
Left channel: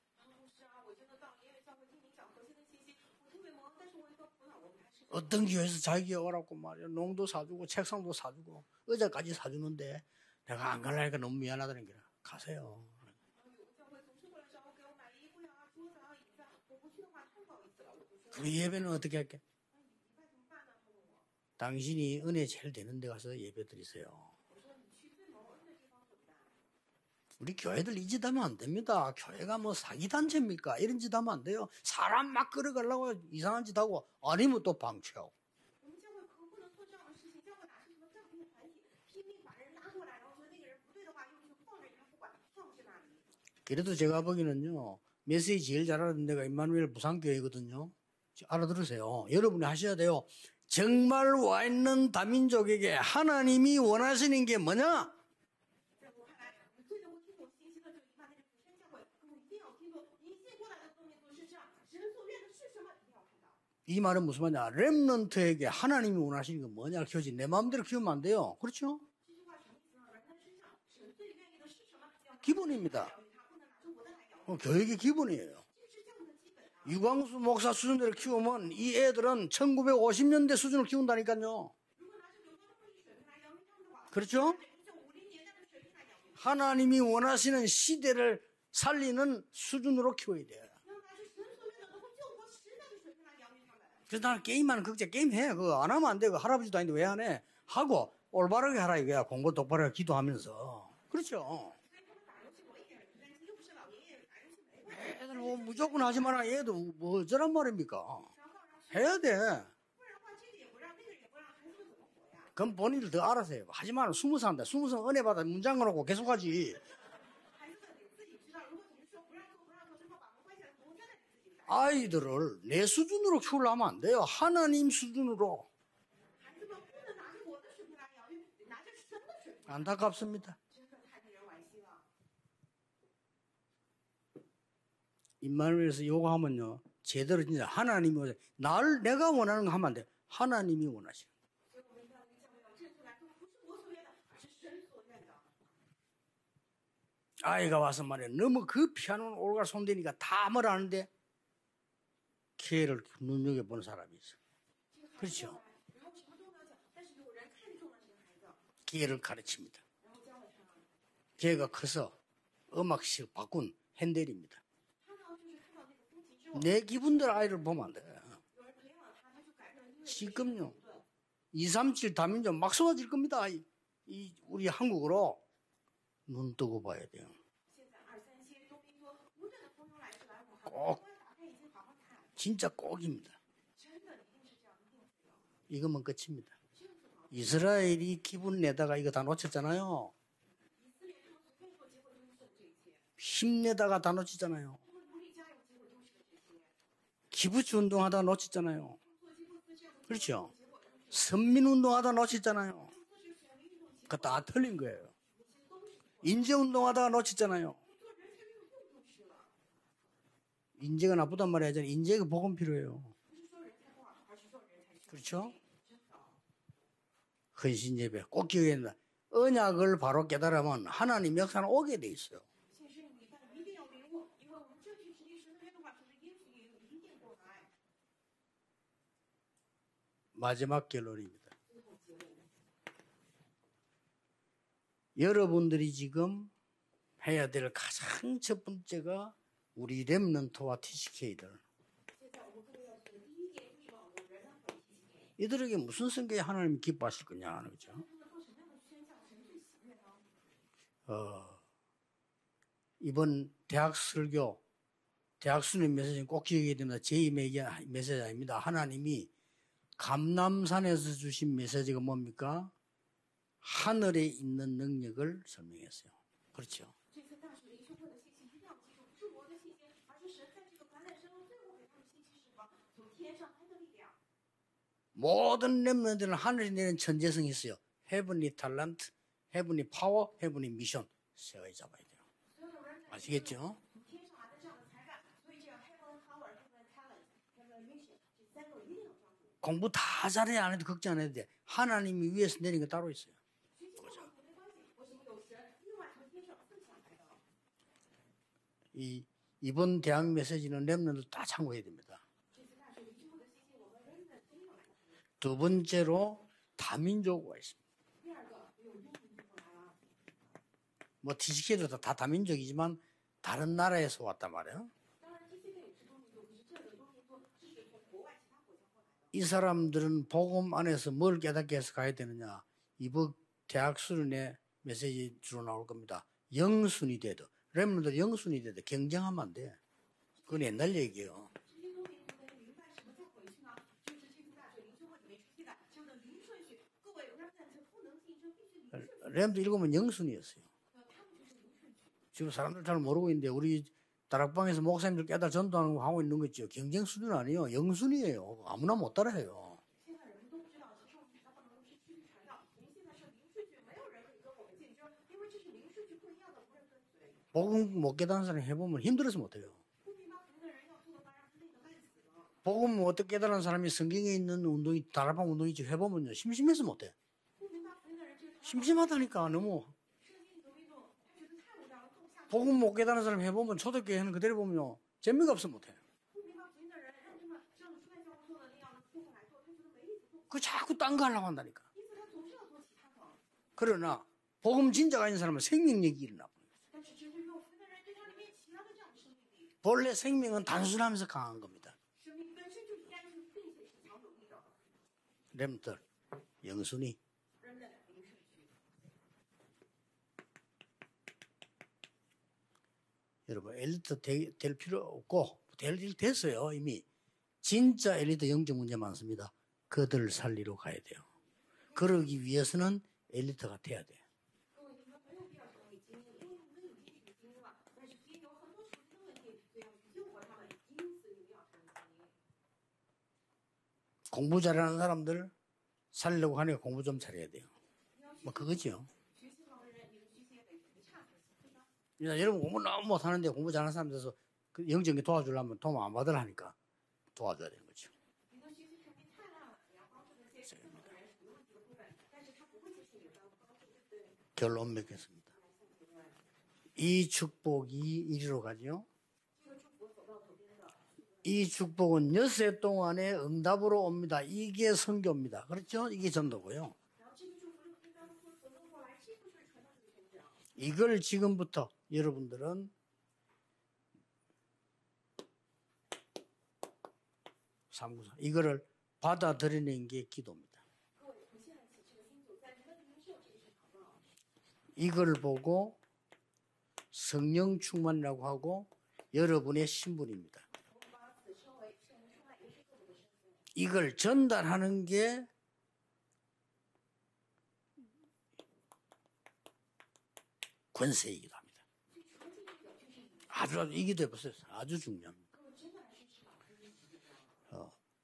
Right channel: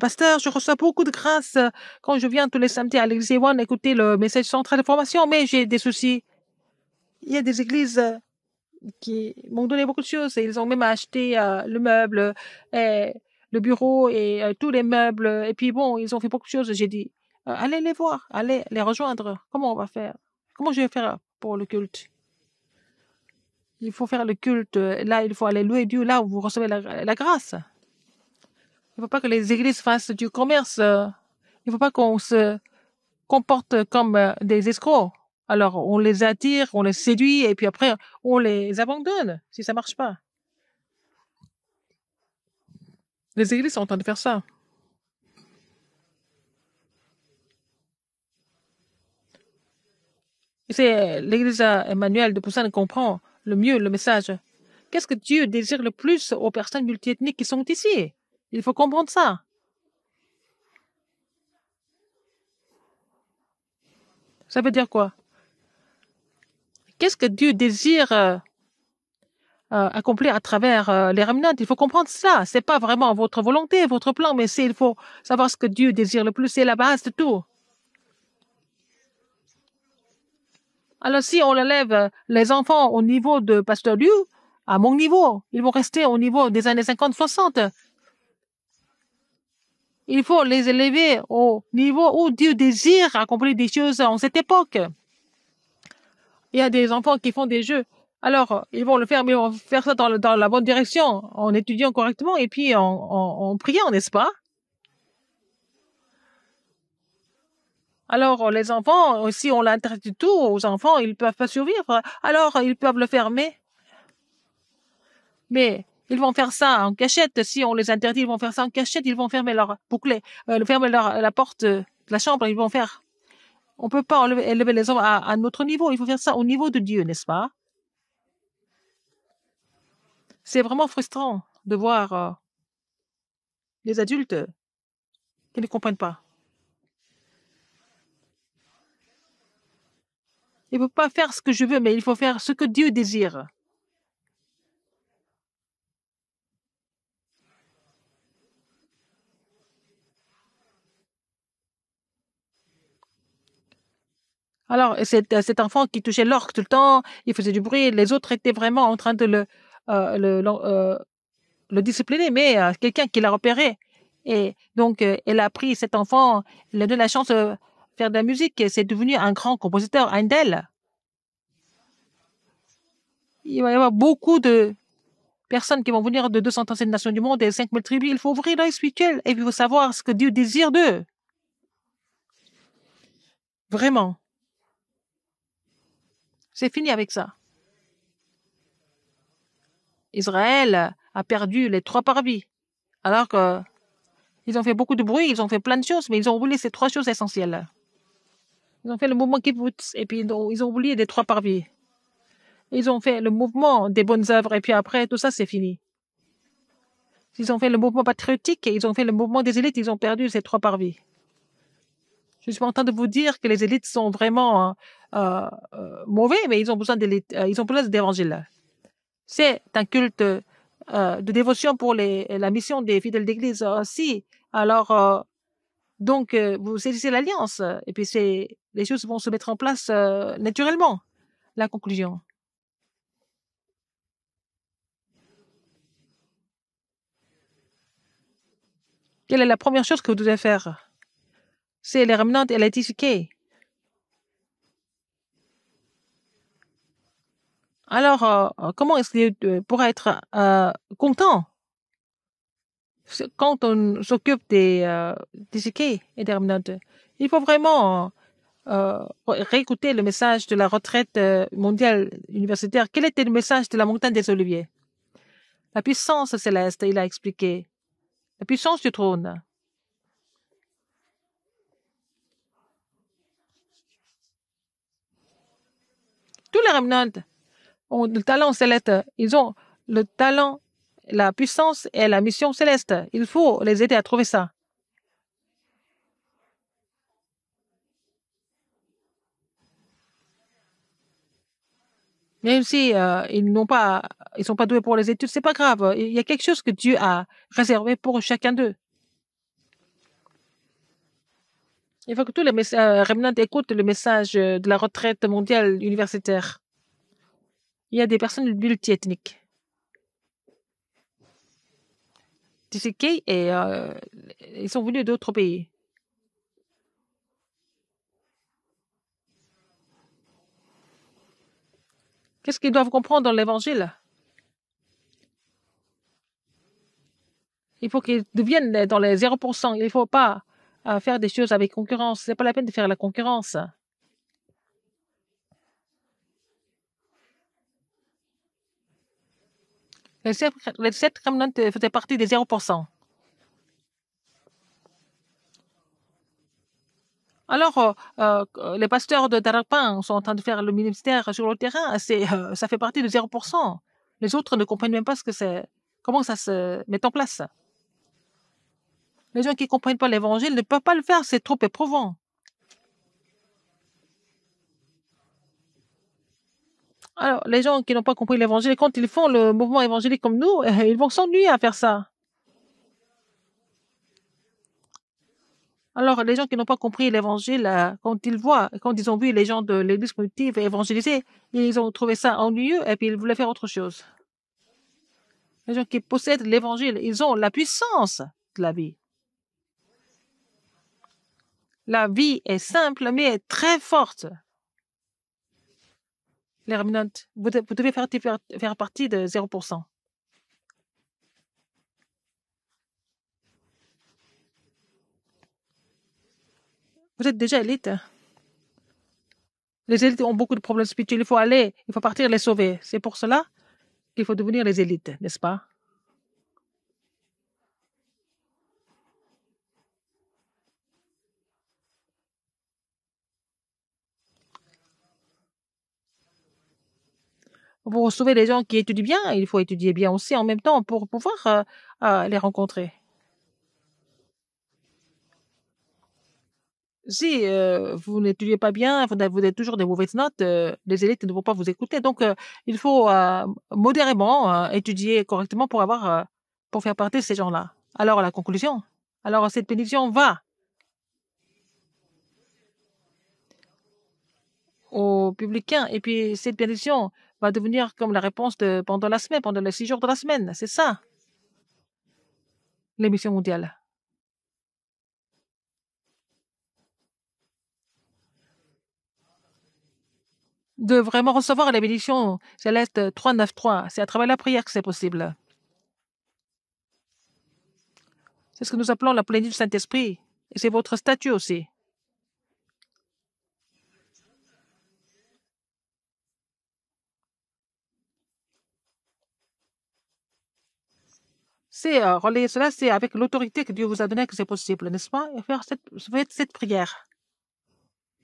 Pasteur, je reçois beaucoup de grâce quand je viens tous les samedis à l'église One écouter le message central de formation, mais j'ai des soucis. Il y a des églises qui m'ont donné beaucoup de choses et ils ont même acheté le meuble, et le bureau et tous les meubles. Et puis bon, ils ont fait beaucoup de choses. J'ai dit, allez les voir, allez les rejoindre. Comment on va faire? Comment je vais faire pour le culte? Il faut faire le culte. Là, il faut aller louer Dieu là où vous recevez la grâce. Il ne faut pas que les églises fassent du commerce. Il ne faut pas qu'on se comporte comme des escrocs. Alors, on les attire, on les séduit et puis après, on les abandonne si ça ne marche pas. Les églises sont en train de faire ça. C'est l'église Emmanuel de Busan comprend le mieux le message. Qu'est-ce que Dieu désire le plus aux personnes multiethniques qui sont ici? Il faut comprendre ça. Ça veut dire quoi? Qu'est-ce que Dieu désire accomplir à travers les remnants? Il faut comprendre ça. Ce n'est pas vraiment votre volonté, votre plan, mais il faut savoir ce que Dieu désire le plus. C'est la base de tout. Alors, si on élève les enfants au niveau de Pasteur Liu, à mon niveau, ils vont rester au niveau des années 50-60. Il faut les élever au niveau où Dieu désire accomplir des choses en cette époque. Il y a des enfants qui font des jeux. Alors, ils vont le faire, mais ils vont faire ça dans la bonne direction, en étudiant correctement et puis en priant, n'est-ce pas? Alors, les enfants, si on l'interdit tout aux enfants, ils ne peuvent pas survivre. Alors, ils peuvent le faire, mais ils vont faire ça en cachette. Si on les interdit, ils vont faire ça en cachette. Ils vont fermer leur bouclet, fermer la porte de la chambre. Ils vont faire. On ne peut pas élever les enfants à notre niveau. Il faut faire ça au niveau de Dieu, n'est-ce pas? C'est vraiment frustrant de voir les adultes qui ne comprennent pas. Il ne faut pas faire ce que je veux, mais il faut faire ce que Dieu désire. Alors, cet enfant qui touchait l'orgue tout le temps, il faisait du bruit, les autres étaient vraiment en train de le discipliner, mais quelqu'un qui l'a repéré. Et donc, elle a pris cet enfant, il a donné la chance de faire de la musique et c'est devenu un grand compositeur, Handel. 237 다민족 막 쏟아질 겁니다. Il va y avoir beaucoup 이 de 한국으로 personnes qui vont venir de 235 nations du monde et 5000 tribus. Il faut ouvrir l'œil spirituel et puis il faut savoir ce que Dieu désire d'eux. 진짜 꼭입니다. Vraiment. 이것만 끝입니다. C'est fini avec ça. 이스라엘이 기분 내다가 이거 다 놓쳤잖아요. Israël a perdu les 3 parvis. Alors qu'ils 힘내다가 다 ont 놓쳤잖아요. fait beaucoup de bruit, ils ont fait plein de choses, mais ils ont oublié ces 3 choses essentielles. 기부치 운동하다 놓쳤잖아요. Ils ont fait le mouvement kibbutz et puis ils ont oublié les 3 parvis. 선민 운동하다 놓쳤잖아요. Ils ont fait le mouvement des bonnes œuvres et puis après tout ça c'est fini. 인재 운동하다가 Ils ont fait 놓쳤잖아요. le mouvement patriotique et ils ont fait le mouvement des élites, ils ont perdu ces 3 parvis. 인재가 나쁘단 말이야. 인재가 복음 Je suis pas en train de vous dire que les élites sont vraiment mauvais, mais ils ont besoin ils ont besoin d'évangile. C'est un culte de dévotion pour la mission des fidèles d'église aussi. Alors, donc, vous saisissez l'alliance et puis les choses vont se mettre en place naturellement. La conclusion. 여러분들이 지금 해야 될 가장 첫 번째가 Quelle est la première chose que vous devez faire? C'est les remnants et les TCK. 이들에게 무슨 성격에 하나님 기뻐하실 거냐 하는 거죠. Alors, comment est-ce qu'il pourra être content quand on s'occupe des TCK et des remnants? Il faut vraiment réécouter le message de la retraite mondiale universitaire. Quel était le message de la montagne des Oliviers? La puissance céleste, il a expliqué. La puissance du trône. Tous les remnants ont le talent céleste. Ils ont le talent, la puissance et la mission céleste. Il faut les aider à trouver ça. Même si ils sont pas doués pour les études, c'est pas grave. Il y a quelque chose que Dieu a réservé pour chacun d'eux. Il faut que tous les remnants écoutent le message de la retraite mondiale universitaire. Il y a des personnes multiethniques. TCK et ils sont venus d'autres pays. Qu'est-ce qu'ils doivent comprendre dans l'évangile? Il faut qu'ils deviennent dans les 0%. Il ne faut pas faire des choses avec concurrence. Ce n'est pas la peine de faire la concurrence. Les 7 remnants faisaient partie des 0%. Alors, les pasteurs de Darakpan sont en train de faire le ministère sur le terrain. Ça fait partie de 0%. Les autres ne comprennent même pas ce que c'est. Comment ça se met en place? Les gens qui ne comprennent pas l'évangile ne peuvent pas le faire, c'est trop éprouvant. Alors, les gens qui n'ont pas compris l'évangile, quand ils font le mouvement évangélique comme nous, ils vont s'ennuyer à faire ça. Alors, les gens qui n'ont pas compris l'évangile, quand ils ont vu les gens de l'église primitive évangéliser, ils ont trouvé ça ennuyeux et puis ils voulaient faire autre chose. Les gens qui possèdent l'évangile, ils ont la puissance de la vie. La vie est simple, mais très forte. Les remnants, vous devez faire partie de 0%. Vous êtes déjà élite. Les élites ont beaucoup de problèmes spirituels. Il faut partir les sauver. C'est pour cela qu'il faut devenir les élites, n'est-ce pas? Pour sauver les gens qui étudient bien, il faut étudier bien aussi en même temps pour pouvoir les rencontrer. Si vous n'étudiez pas bien, vous avez toujours des mauvaises notes, les élites ne vont pas vous écouter. Donc, il faut modérément étudier correctement pour faire partie de ces gens-là. Alors, la conclusion. Alors, cette bénédiction va aux publicains. Et puis, cette bénédiction va devenir comme la réponse pendant la semaine, pendant les 6 jours de la semaine. C'est ça, l'émission mondiale. 받아들이는 게 기도입니다. de vraiment recevoir la bénédiction céleste 393. C'est à travers la prière que c'est possible. 이걸 보고 성령 충만이라고 C'est ce que 하고 nous appelons la plénitude du 여러분의 Saint-Esprit. 신분입니다. Et c'est votre statut aussi. 이걸 전달하는 게 권세이기도 합니다. C'est relayer cela, c'est avec l'autorité que Dieu vous a donnée que c'est possible, n'est-ce pas? Faites cette prière.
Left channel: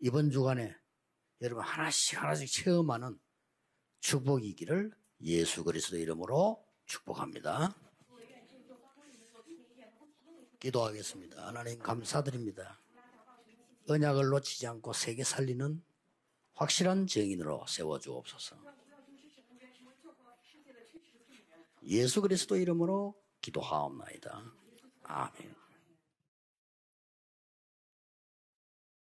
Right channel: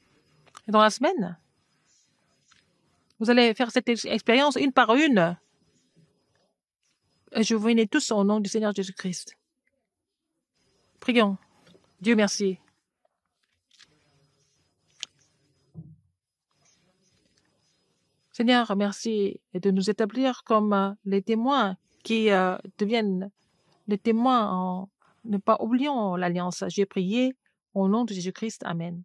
이번 주간에 Dans la semaine, 여러분 하나씩 체험하는 vous allez faire cette expérience une par une. 예수 그리스도 이름으로 축복합니다. Et je vous bénis tous au nom du Seigneur Jésus-Christ. 기도하겠습니다. Prions. 하나님 Dieu merci. 감사드립니다. 언약을 놓치지 않고 세계 살리는 확실한 증인으로 세워주옵소서. Seigneur, merci de nous établir comme les témoins 예수 qui 그리스도 이름으로 deviennent les 기도하옵나이다. témoins en ne 아멘. pas oubliant l'alliance. J'ai prié au nom de Jésus-Christ. Amen.